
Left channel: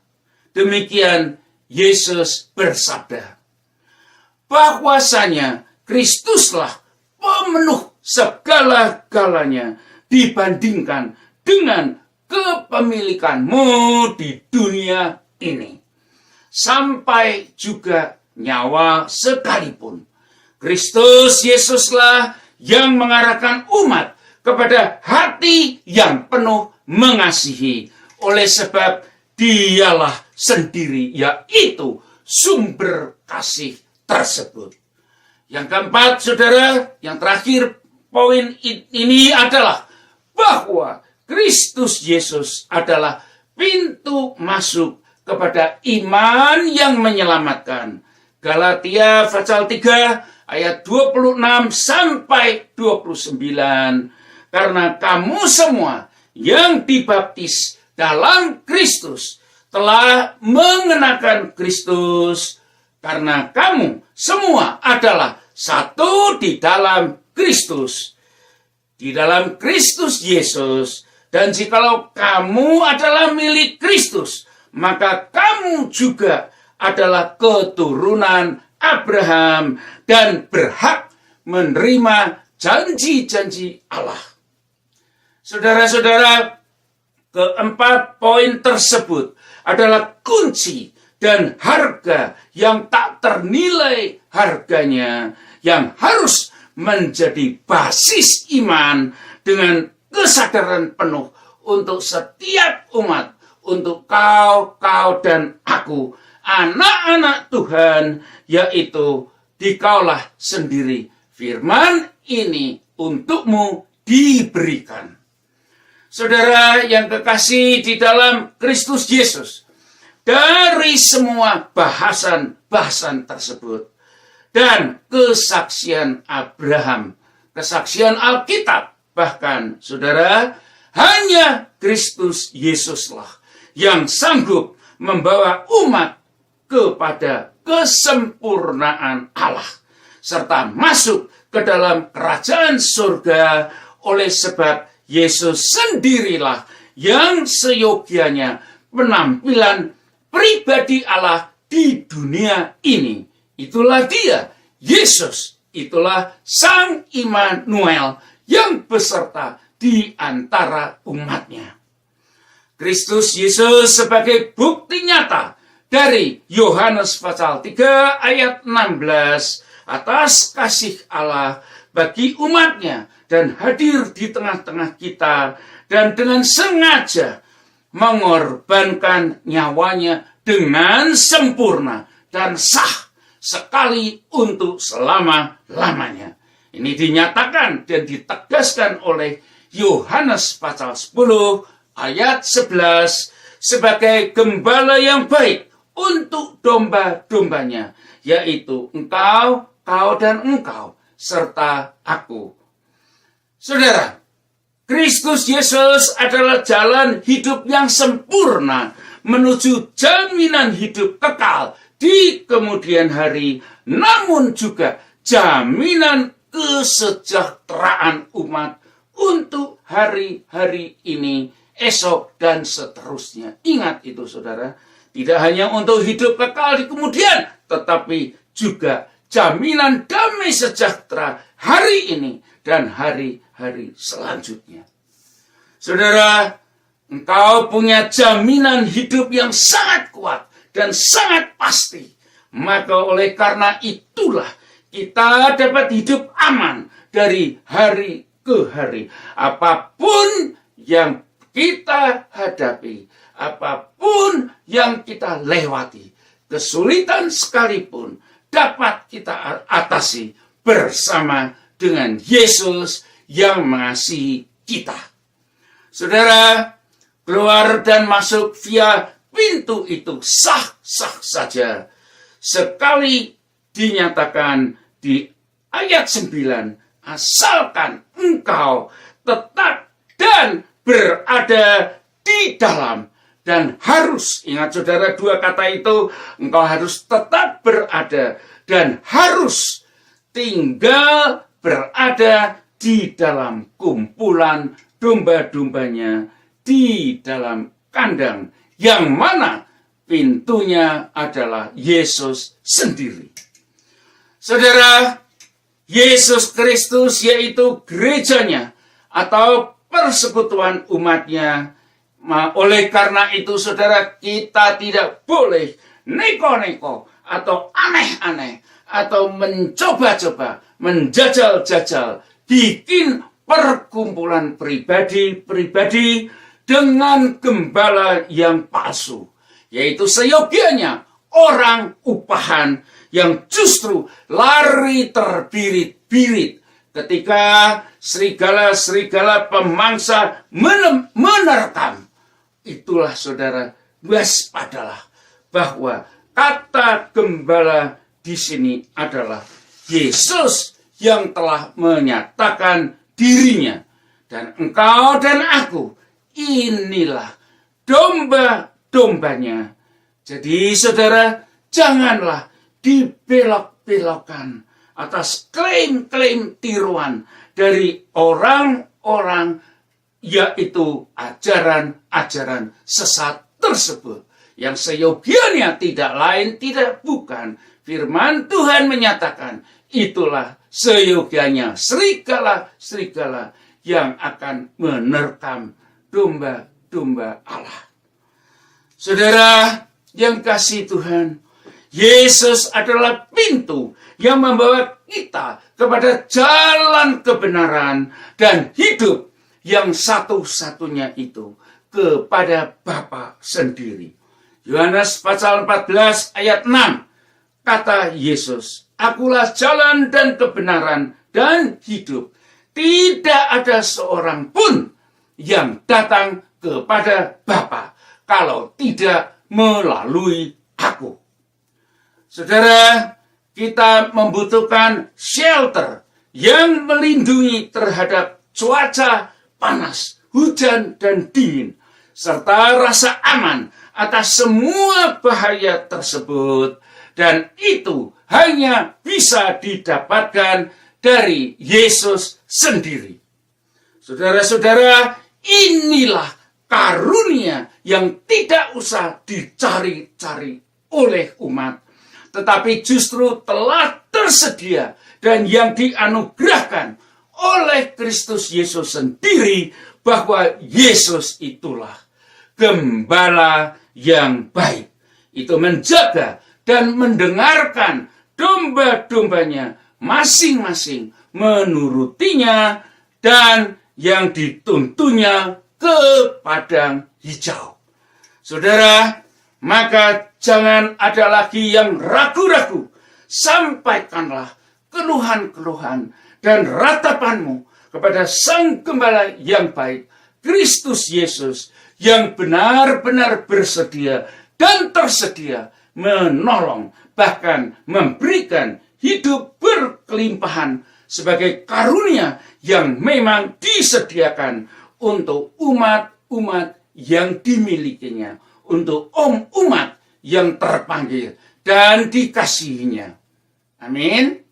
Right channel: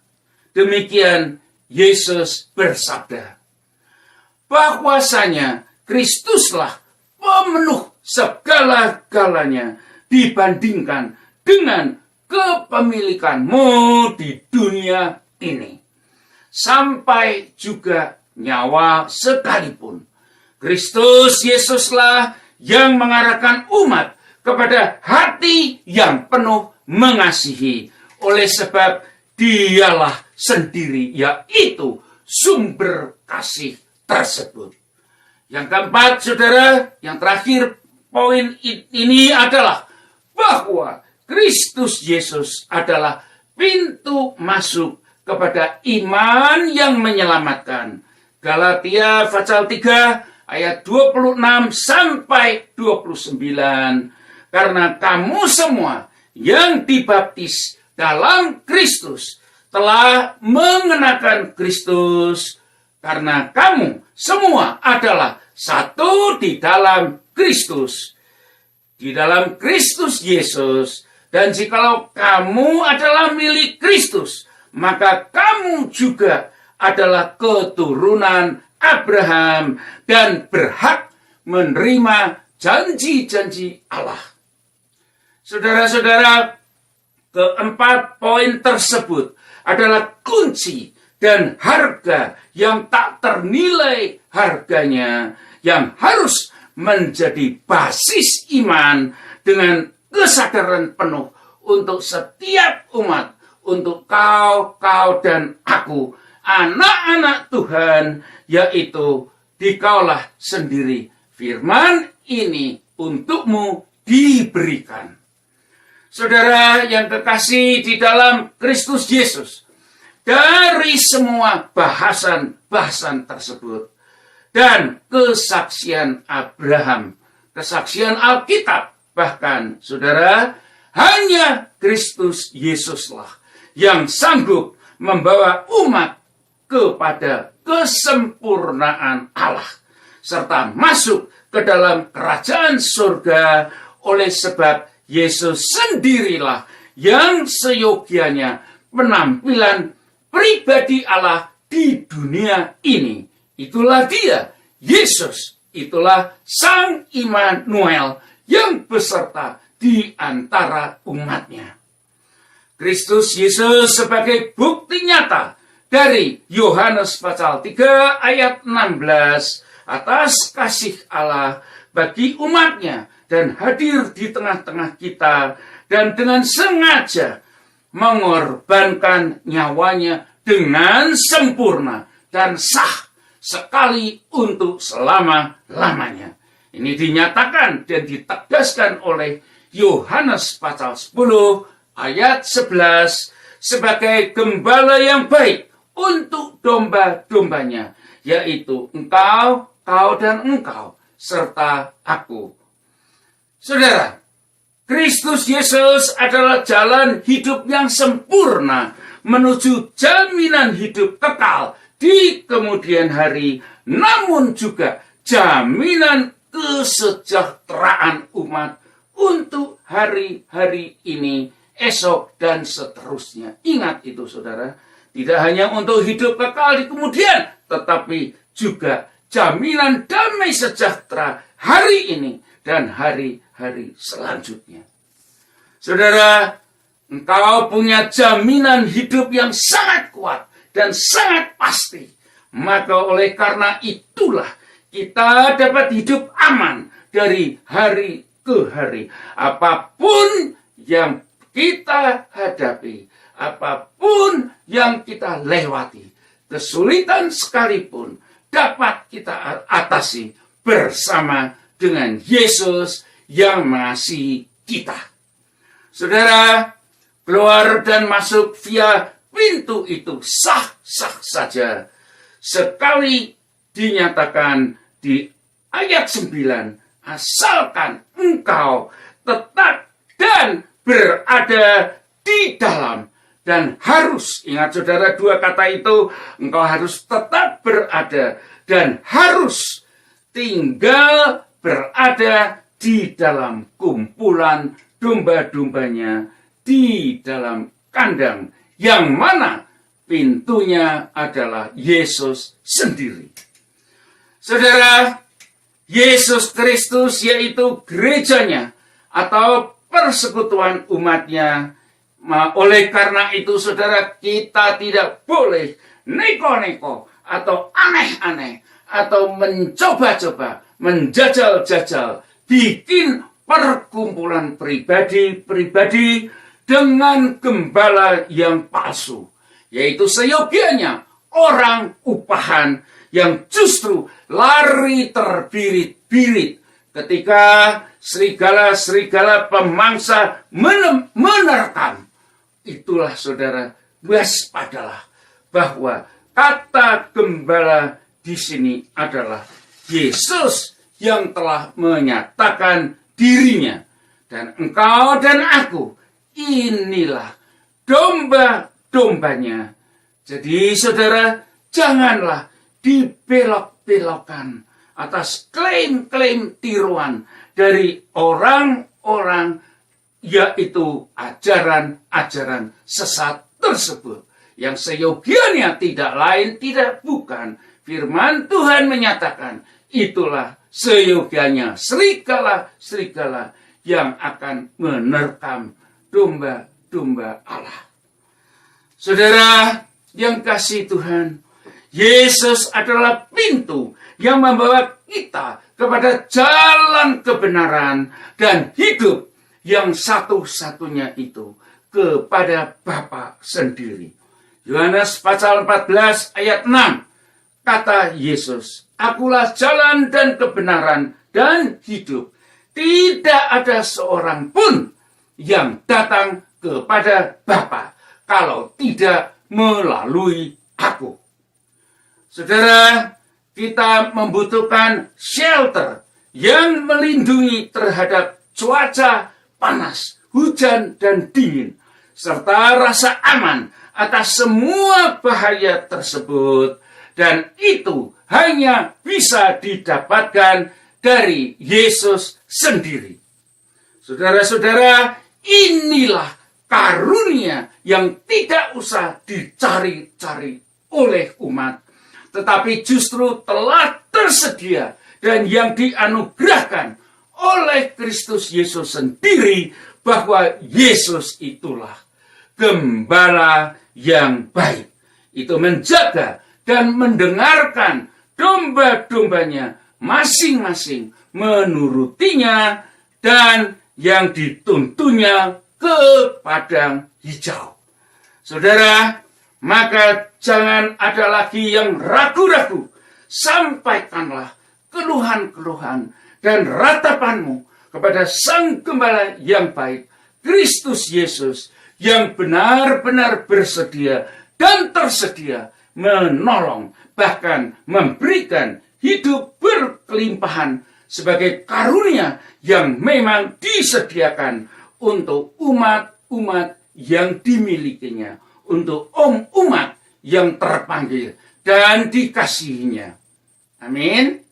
Demikian Yesus bersabda. Bahwasanya Kristuslah pemenuh segala-galanya dibandingkan dengan kepemilikanmu di dunia ini. Sampai juga nyawa sekalipun. Kristus Yesuslah yang mengarahkan umat kepada hati yang penuh mengasihi. Oleh sebab Dialah sendiri, yaitu sumber kasih tersebut. Yang keempat, saudara, yang terakhir poin ini adalah bahwa Kristus Yesus adalah pintu masuk kepada iman yang menyelamatkan. Galatia pasal 3 ayat 26 sampai 29. Karena kamu semua yang dibaptis dalam Kristus telah mengenakan Kristus, karena kamu semua adalah satu di dalam Kristus, di dalam Kristus Yesus. Dan jikalau kamu adalah milik Kristus, maka kamu juga adalah keturunan Abraham dan berhak menerima janji-janji Allah. Saudara-saudara, keempat poin tersebut adalah kunci dan harga yang tak ternilai harganya, yang harus menjadi basis iman dengan kesadaran penuh untuk setiap umat, untuk kau dan aku, anak-anak Tuhan, yaitu dikaulah sendiri. Firman ini untukmu diberikan. Saudara yang kekasih di dalam Kristus Yesus, dari semua bahasan tersebut dan kesaksian Abraham, kesaksian Alkitab, bahkan saudara, hanya Kristus Yesuslah yang sanggup membawa umat kepada kesempurnaan Allah, serta masuk ke dalam kerajaan surga. Oleh sebab Yesus sendirilah yang seyogianya penampilan pribadi Allah di dunia ini. Itulah dia, Yesus, itulah Sang Immanuel yang beserta di antara umatnya. Kristus Yesus sebagai bukti nyata dari Yohanes pasal 3 ayat 16 atas kasih Allah bagi umatnya dan hadir di tengah-tengah kita dan dengan sengaja mengorbankan nyawanya dengan sempurna dan sah sekali untuk selama-lamanya. Ini dinyatakan dan ditegaskan oleh Yohanes pasal 10 ayat 11 sebagai gembala yang baik untuk domba-dombanya, yaitu engkau, kau dan engkau, serta aku. Saudara, Kristus Yesus adalah jalan hidup yang sempurna menuju jaminan hidup kekal di kemudian hari, namun juga jaminan kesejahteraan umat untuk hari-hari ini, esok, dan seterusnya. Ingat itu, saudara. Tidak hanya untuk hidup kekal di kemudian, tetapi juga jaminan damai sejahtera hari ini dan hari-hari selanjutnya. Saudara, engkau punya jaminan hidup yang sangat kuat dan sangat pasti. Maka oleh karena itulah kita dapat hidup aman dari hari ke hari. Apapun yang kita hadapi, apapun yang kita lewati, kesulitan sekalipun dapat kita atasi bersama dengan Yesus yang mengasihi kita. Saudara, keluar dan masuk via pintu itu sah-sah saja. Sekali dinyatakan di ayat 9, asalkan engkau tetap dan berada di dalam. Dan harus, ingat saudara, dua kata itu, engkau harus tetap berada dan harus tinggal berada di dalam kumpulan domba-dombanya, di dalam kandang yang mana pintunya adalah Yesus sendiri. Saudara, Yesus Kristus yaitu gerejanya atau persekutuan umatnya. Oleh karena itu, saudara, kita tidak boleh neko-neko atau aneh-aneh atau mencoba-coba, menjajal-jajal, bikin perkumpulan pribadi-pribadi dengan gembala yang palsu, yaitu seyogianya orang upahan yang justru lari terbirit-birit ketika serigala-serigala pemangsa menerkam. Itulah, saudara, waspadalah bahwa kata gembala di sini adalah Yesus yang telah menyatakan dirinya. Dan engkau dan aku, inilah domba-dombanya. Jadi, saudara, janganlah dibelok-belokkan atas klaim-klaim tiruan dari orang-orang, yaitu ajaran-ajaran sesat tersebut, yang seyogianya tidak lain tidak bukan firman Tuhan menyatakan itulah seyogianya serigala yang akan menerkam domba-domba Allah. Saudara yang kasih Tuhan, Yesus adalah pintu yang membawa kita kepada jalan kebenaran dan hidup yang satu-satunya itu kepada Bapa sendiri. Yohanes pasal 14 ayat 6, kata Yesus, "Akulah jalan dan kebenaran dan hidup. Tidak ada seorang pun yang datang kepada Bapa kalau tidak melalui aku." Saudara, kita membutuhkan shelter yang melindungi terhadap cuaca panas, hujan, dan dingin, serta rasa aman atas semua bahaya tersebut. Dan itu hanya bisa didapatkan dari Yesus sendiri. Saudara-saudara, inilah karunia yang tidak usah dicari-cari oleh umat, tetapi justru telah tersedia dan yang dianugerahkan oleh Kristus Yesus sendiri, bahwa Yesus itulah gembala yang baik. Itu menjaga dan mendengarkan domba-dombanya masing-masing menurutinya dan yang dituntunnya ke padang hijau. Saudara, maka jangan ada lagi yang ragu-ragu. Sampaikanlah keluhan-keluhan dan ratapanmu kepada Sang Gembala yang baik, Kristus Yesus, yang benar-benar bersedia dan tersedia menolong, bahkan memberikan hidup berkelimpahan sebagai karunia yang memang disediakan untuk umat-umat yang dimilikinya, untuk umat yang terpanggil dan dikasihinya. Amin.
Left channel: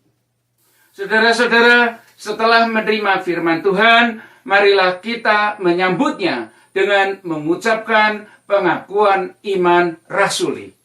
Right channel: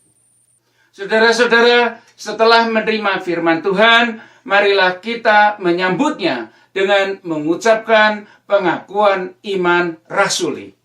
Saudara-saudara, setelah menerima firman Tuhan, marilah kita menyambutnya dengan mengucapkan pengakuan iman rasuli.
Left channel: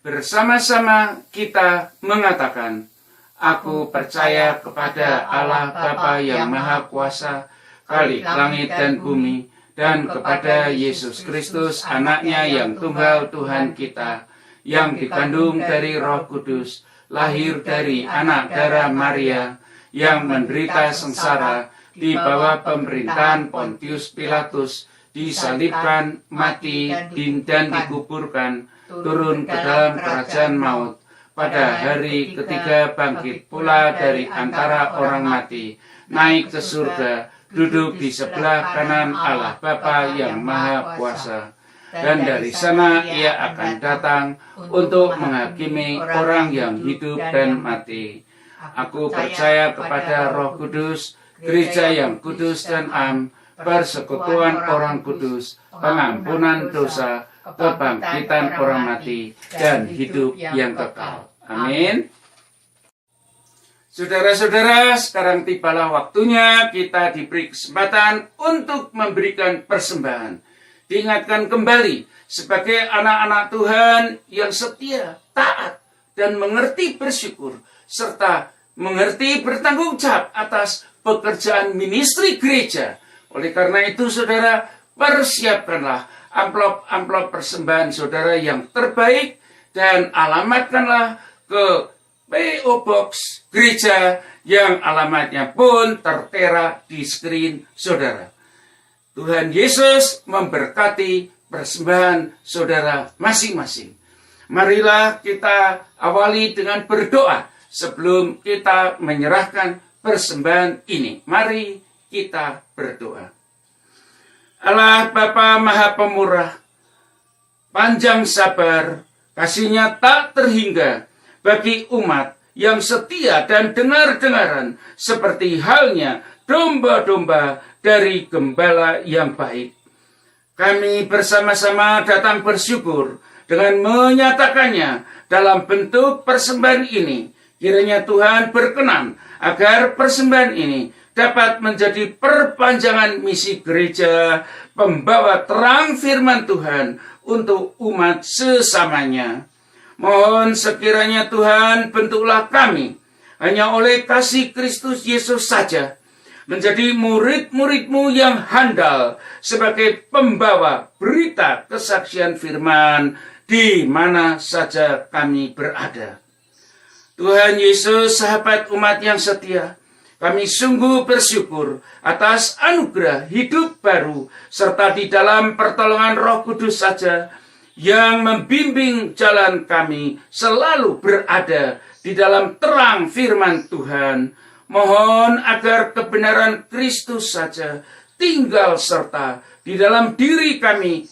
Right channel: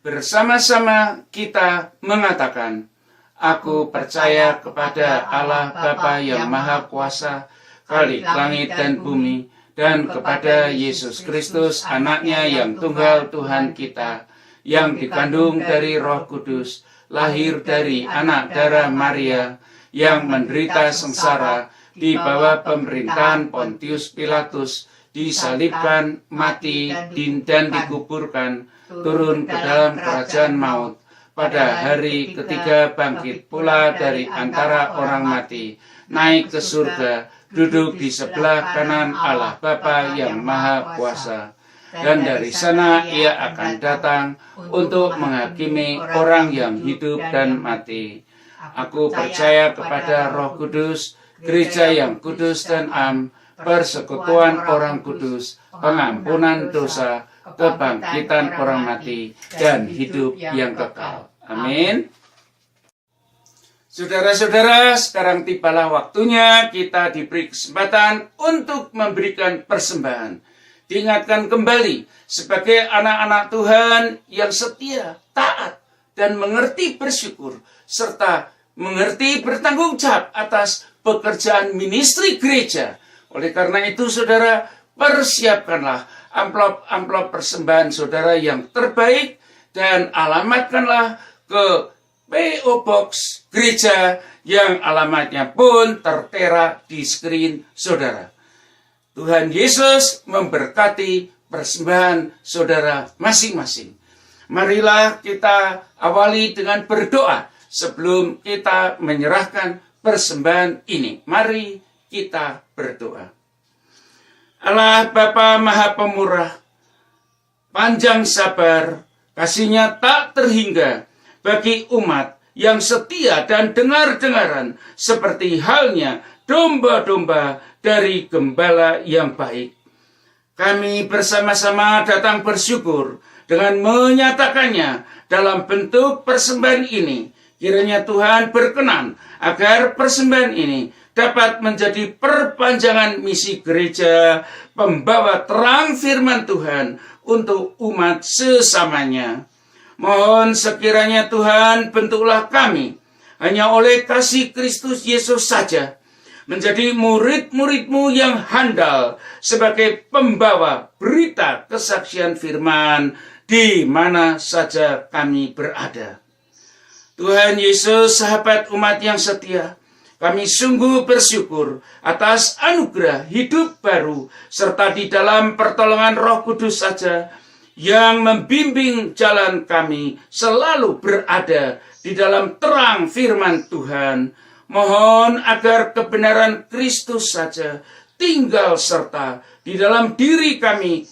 Bersama-sama kita mengatakan, "Aku percaya kepada Allah Bapa yang Maha Kuasa, Khalik langit dan bumi, dan kepada Yesus Kristus, Anaknya yang tunggal Tuhan kita, yang dikandung dari Roh Kudus, lahir dari anak darah Maria, yang menderita sengsara di bawah pemerintahan Pontius Pilatus, disalibkan, mati, dan dikuburkan, turun ke dalam kerajaan maut, pada hari ketiga bangkit pula dari antara orang mati, naik ke surga, duduk di sebelah kanan Allah Bapa yang Maha Kuasa. Dan dari sana ia akan datang untuk menghakimi orang yang hidup dan mati. Aku percaya kepada Roh Kudus, gereja yang kudus dan am, persekutuan orang kudus, pengampunan dosa, kebangkitan orang mati, dan hidup yang kekal. Amin. Saudara-saudara, sekarang tibalah waktunya kita diberi kesempatan untuk memberikan persembahan. Diingatkan kembali sebagai anak-anak Tuhan yang setia, taat, dan mengerti bersyukur, serta mengerti bertanggung jawab atas pekerjaan ministry gereja. Oleh karena itu, saudara, persiapkanlah amplop-amplop persembahan saudara yang terbaik dan alamatkanlah ke P.O. Box gereja yang alamatnya pun tertera di screen saudara. Tuhan Yesus memberkati persembahan saudara masing-masing. Marilah kita awali dengan berdoa sebelum kita menyerahkan persembahan ini. Mari kita berdoa. Allah Bapa Maha Pemurah, panjang sabar, kasih-Nya tak terhingga bagi umat yang setia dan dengar-dengaran, seperti halnya domba-domba dari Gembala yang baik. Kami bersama-sama datang bersyukur dengan menyatakannya dalam bentuk persembahan ini, Kiranya Tuhan berkenan agar persembahan ini dapat menjadi perpanjangan misi gereja, pembawa terang firman Tuhan untuk umat sesamanya. Mohon sekiranya Tuhan bentuklah kami hanya oleh kasih Kristus Yesus saja, menjadi murid-murid-Mu yang handal sebagai pembawa berita kesaksian firman di mana saja kami berada. Tuhan Yesus, sahabat umat yang setia, kami sungguh bersyukur atas anugerah hidup baru serta di dalam pertolongan Roh Kudus saja yang membimbing jalan kami selalu berada di dalam terang firman Tuhan. Mohon agar kebenaran Kristus saja tinggal serta di dalam diri kami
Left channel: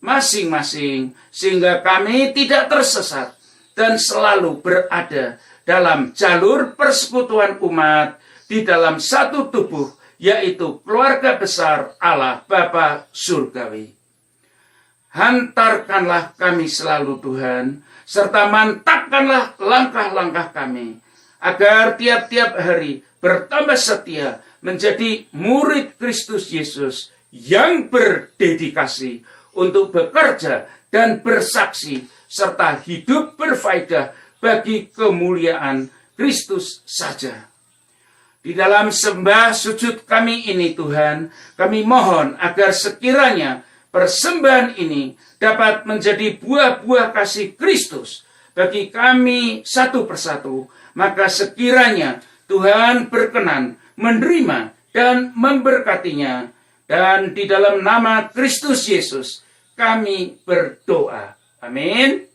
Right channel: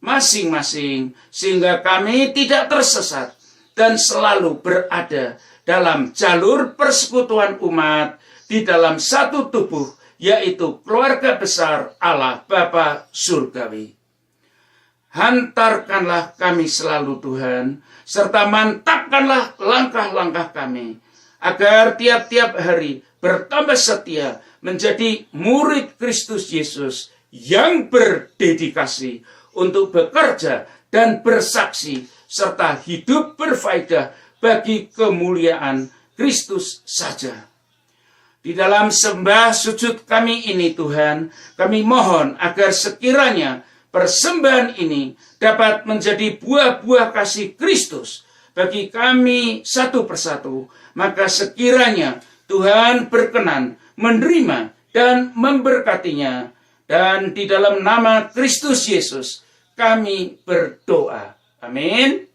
masing-masing, sehingga kami tidak tersesat dan selalu berada dalam jalur persekutuan umat di dalam satu tubuh, yaitu keluarga besar Allah Bapa Surgawi. Hantarkanlah kami selalu Tuhan, serta mantapkanlah langkah-langkah kami, agar tiap-tiap hari bertambah setia menjadi murid Kristus Yesus yang berdedikasi untuk bekerja dan bersaksi, serta hidup berfaedah bagi kemuliaan Kristus saja. Di dalam sembah sujud kami ini Tuhan, kami mohon agar sekiranya persembahan ini dapat menjadi buah-buah kasih Kristus bagi kami satu persatu. Maka sekiranya Tuhan berkenan menerima dan memberkatinya. Dan di dalam nama Kristus Yesus kami berdoa. Amin.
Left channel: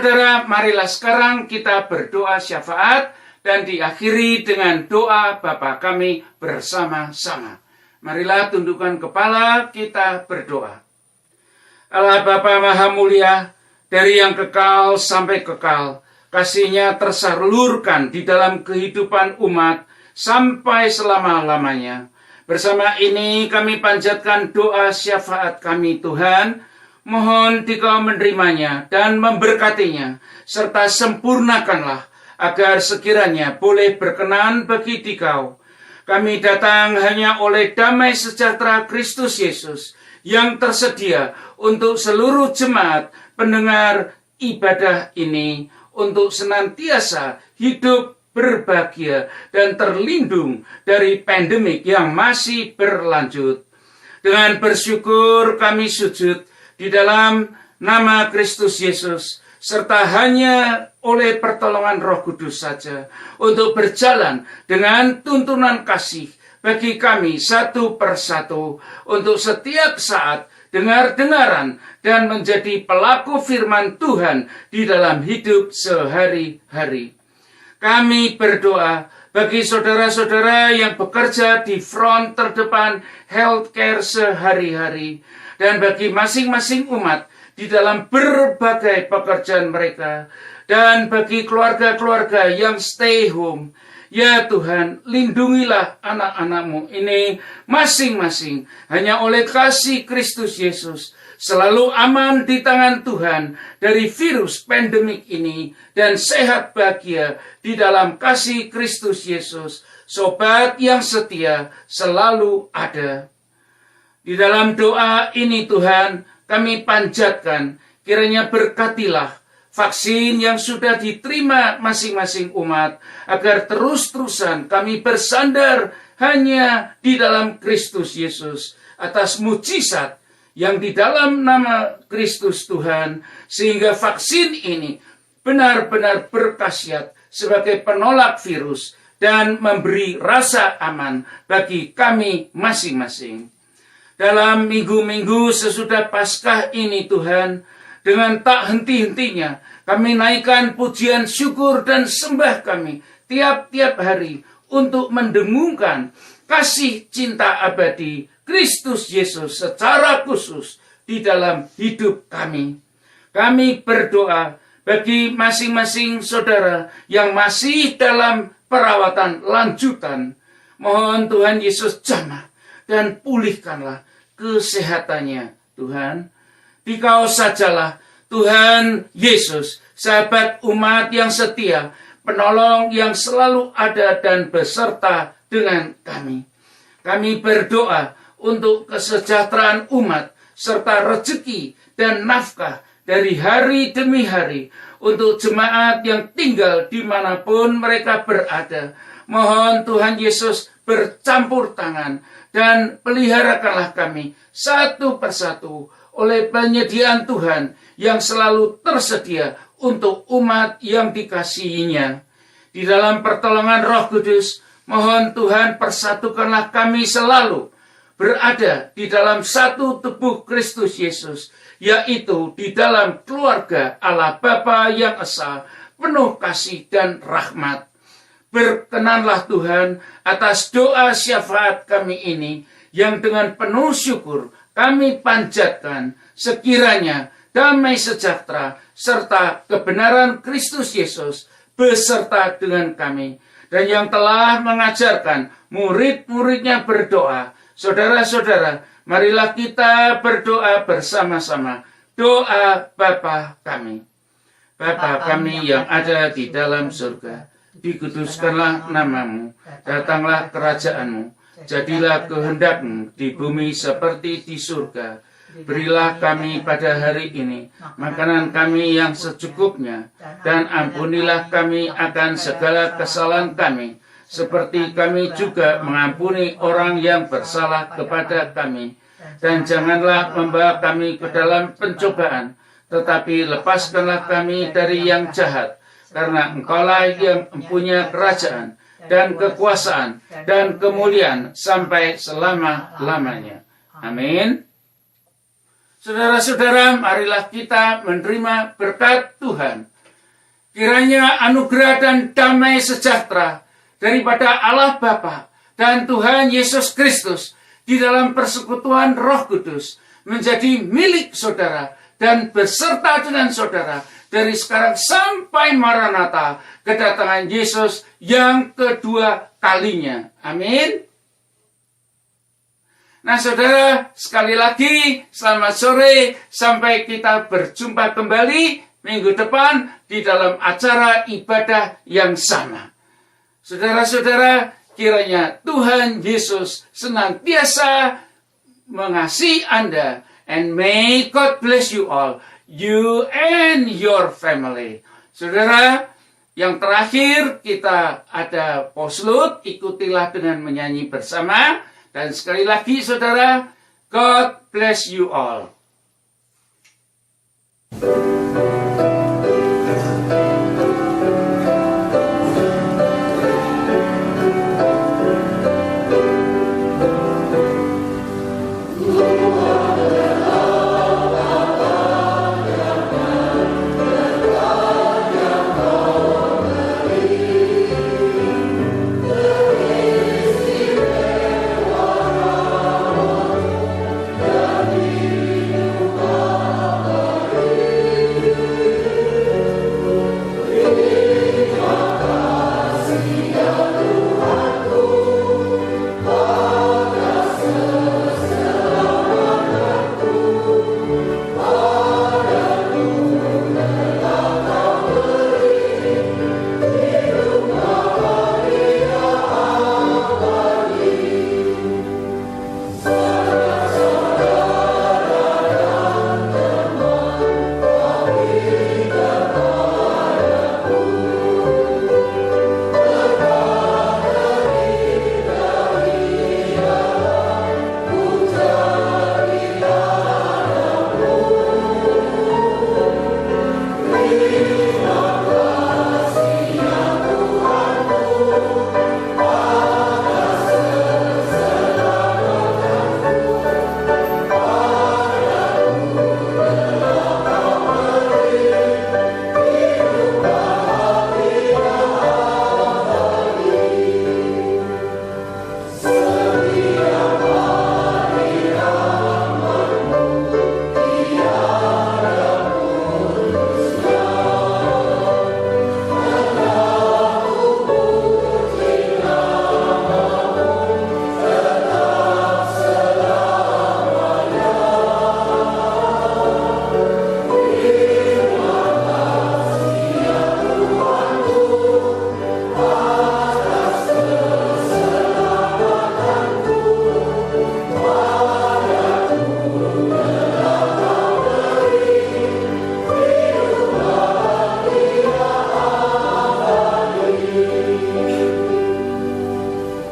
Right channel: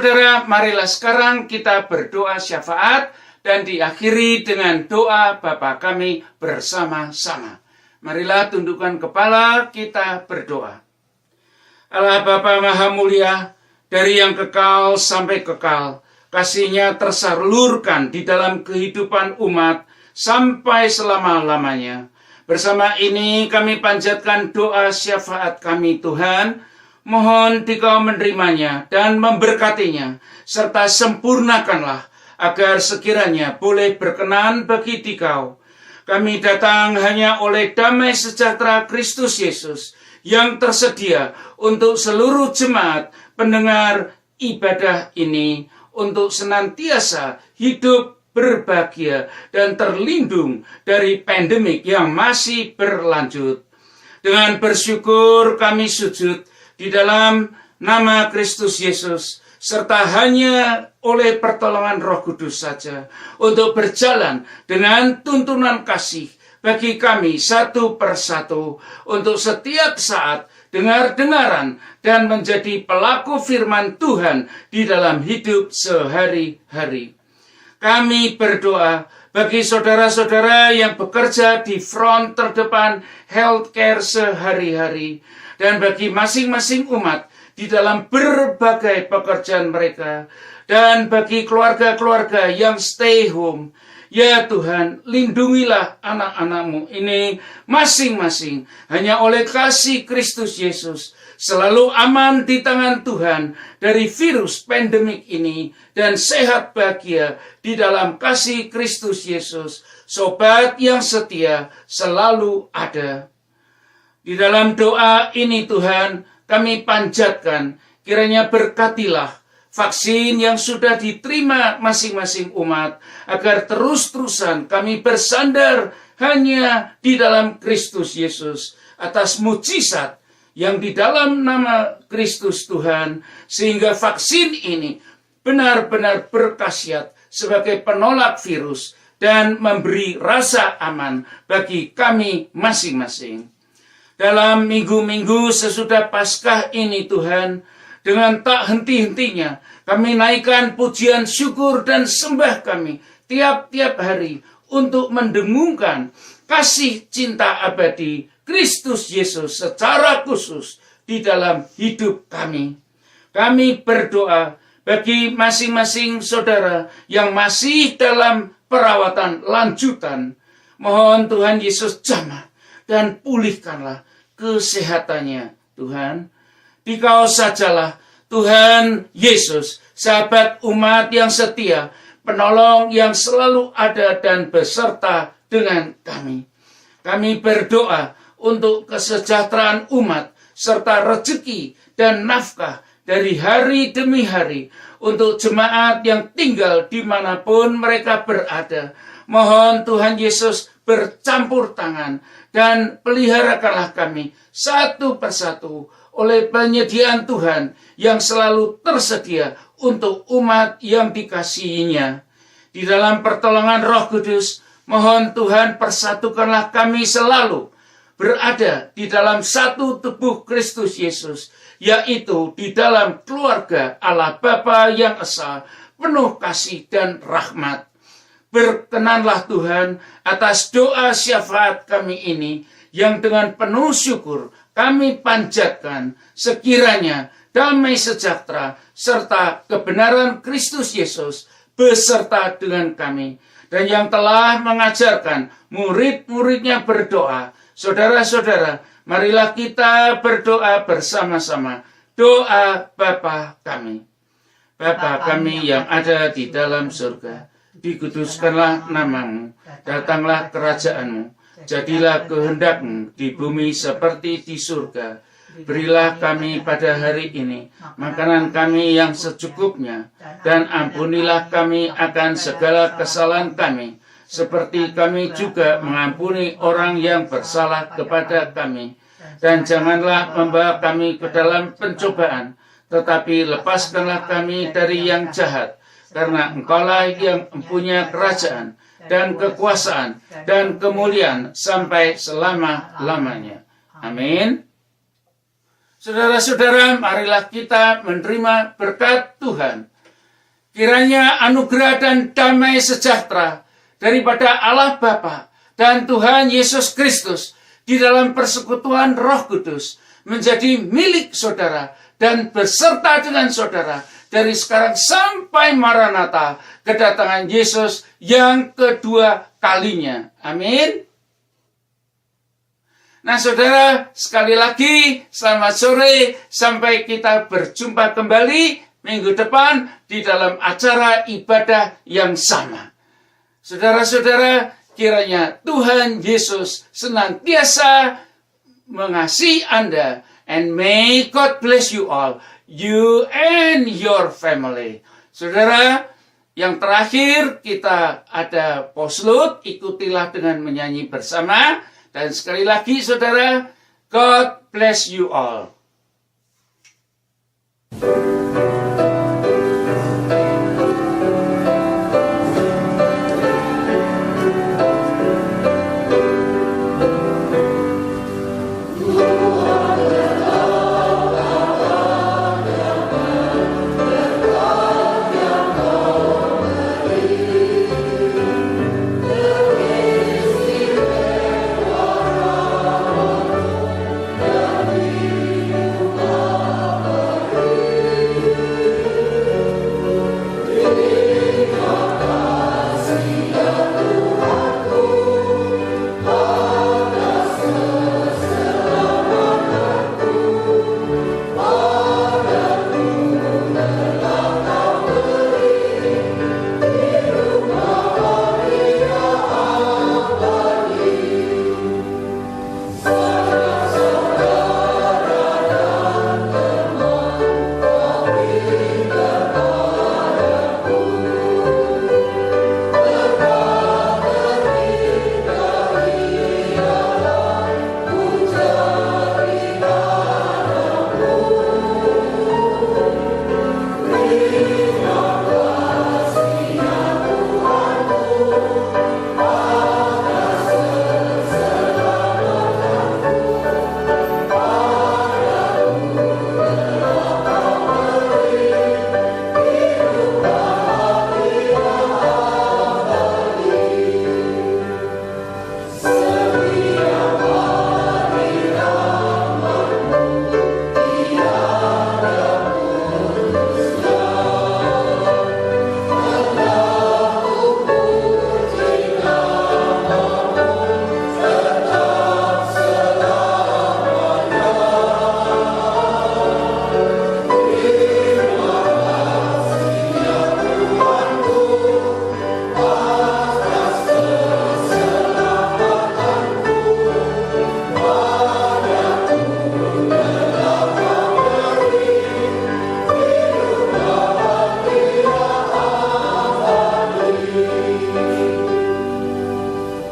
Saudara-saudara, marilah sekarang kita berdoa syafaat dan diakhiri dengan doa Bapa kami bersama-sama. Marilah tundukkan kepala, kita berdoa. Allah Bapa Maha Mulia, dari yang kekal sampai kekal, kasih-Nya tersalurkan di dalam kehidupan umat sampai selama-lamanya. Bersama ini kami panjatkan doa syafaat kami Tuhan, mohon Dikau menerimanya dan memberkatinya, serta sempurnakanlah agar sekiranya boleh berkenan bagi Dikau. Kami datang hanya oleh damai sejahtera Kristus Yesus yang tersedia untuk seluruh jemaat pendengar ibadah ini untuk senantiasa hidup berbahagia dan terlindung dari pandemik yang masih berlanjut. Dengan bersyukur kami sujud di dalam nama Kristus Yesus, serta hanya oleh pertolongan Roh Kudus saja untuk berjalan dengan tuntunan kasih bagi kami satu persatu untuk setiap saat dengar-dengaran dan menjadi pelaku firman Tuhan di dalam hidup sehari-hari. Kami berdoa bagi saudara-saudara yang bekerja di front terdepan healthcare sehari-hari, dan bagi masing-masing umat di dalam berbagai pekerjaan mereka, dan bagi keluarga-keluarga yang stay home. Ya Tuhan, lindungilah anak-anak-Mu ini masing-masing hanya oleh kasih Kristus Yesus, selalu aman di tangan Tuhan dari virus pandemik ini, dan sehat bahagia di dalam kasih Kristus Yesus, sobat yang setia selalu ada. Di dalam doa ini Tuhan, kami panjatkan, kiranya berkatilah vaksin yang sudah diterima masing-masing umat, agar terus-terusan kami bersandar hanya di dalam Kristus Yesus, atas mujizat yang di dalam nama Kristus Tuhan, sehingga vaksin ini benar-benar berkhasiat sebagai penolak virus dan memberi rasa aman bagi kami masing-masing. Dalam minggu-minggu sesudah Paskah ini Tuhan, dengan tak henti-hentinya kami naikkan pujian syukur dan sembah kami tiap-tiap hari untuk mendengungkan kasih cinta abadi Kristus Yesus secara khusus di dalam hidup kami. Kami berdoa bagi masing-masing saudara yang masih dalam perawatan lanjutan. Mohon Tuhan Yesus jamah dan pulihkanlah kesehatannya, Tuhan. Dikau sajalah Tuhan Yesus, sahabat umat yang setia, penolong yang selalu ada dan beserta dengan kami. Kami berdoa untuk kesejahteraan umat, serta rezeki dan nafkah dari hari demi hari untuk jemaat yang tinggal dimanapun mereka berada. Mohon Tuhan Yesus bercampur tangan dan peliharakanlah kami satu persatu oleh penyediaan Tuhan yang selalu tersedia untuk umat yang dikasihinya. Di dalam pertolongan Roh Kudus, mohon Tuhan persatukanlah kami selalu berada di dalam satu tubuh Kristus Yesus, yaitu di dalam keluarga Allah Bapa yang Esa, penuh kasih dan rahmat. Berkenanlah Tuhan atas doa syafaat kami ini, yang dengan penuh syukur kami panjatkan, sekiranya damai sejahtera serta kebenaran Kristus Yesus beserta dengan kami, dan yang telah mengajarkan murid-muridnya berdoa. Saudara-saudara, marilah kita berdoa bersama-sama. Doa Bapa kami. Bapa kami yang ada di dalam surga, dikuduskanlah namamu, datanglah kerajaanmu, jadilah kehendak-Mu di bumi seperti di surga. Berilah kami pada hari ini makanan kami yang secukupnya, dan ampunilah kami akan segala kesalahan kami, seperti kami juga mengampuni orang yang bersalah kepada kami. Dan janganlah membawa kami ke dalam pencobaan, tetapi lepaskanlah kami dari yang jahat, karena Engkaulah yang mempunyai kerajaan dan kekuasaan dan kemuliaan sampai selama-lamanya. Amin. Saudara-saudara, marilah kita menerima berkat Tuhan Kiranya anugerah dan damai sejahtera daripada Allah Bapa dan Tuhan Yesus Kristus di dalam persekutuan Roh Kudus menjadi milik saudara dan beserta dengan saudara dari sekarang sampai Maranatha, kedatangan Yesus yang kedua kalinya. Amin. Nah saudara, sekali lagi selamat sore, sampai kita berjumpa kembali minggu depan di dalam acara ibadah yang sama. Saudara-saudara, kiranya Tuhan Yesus senantiasa mengasihi Anda, and may God bless you all, you and your family. Saudara, yang terakhir kita ada postlude, ikutilah dengan menyanyi bersama. Dan sekali lagi saudara, God bless you all.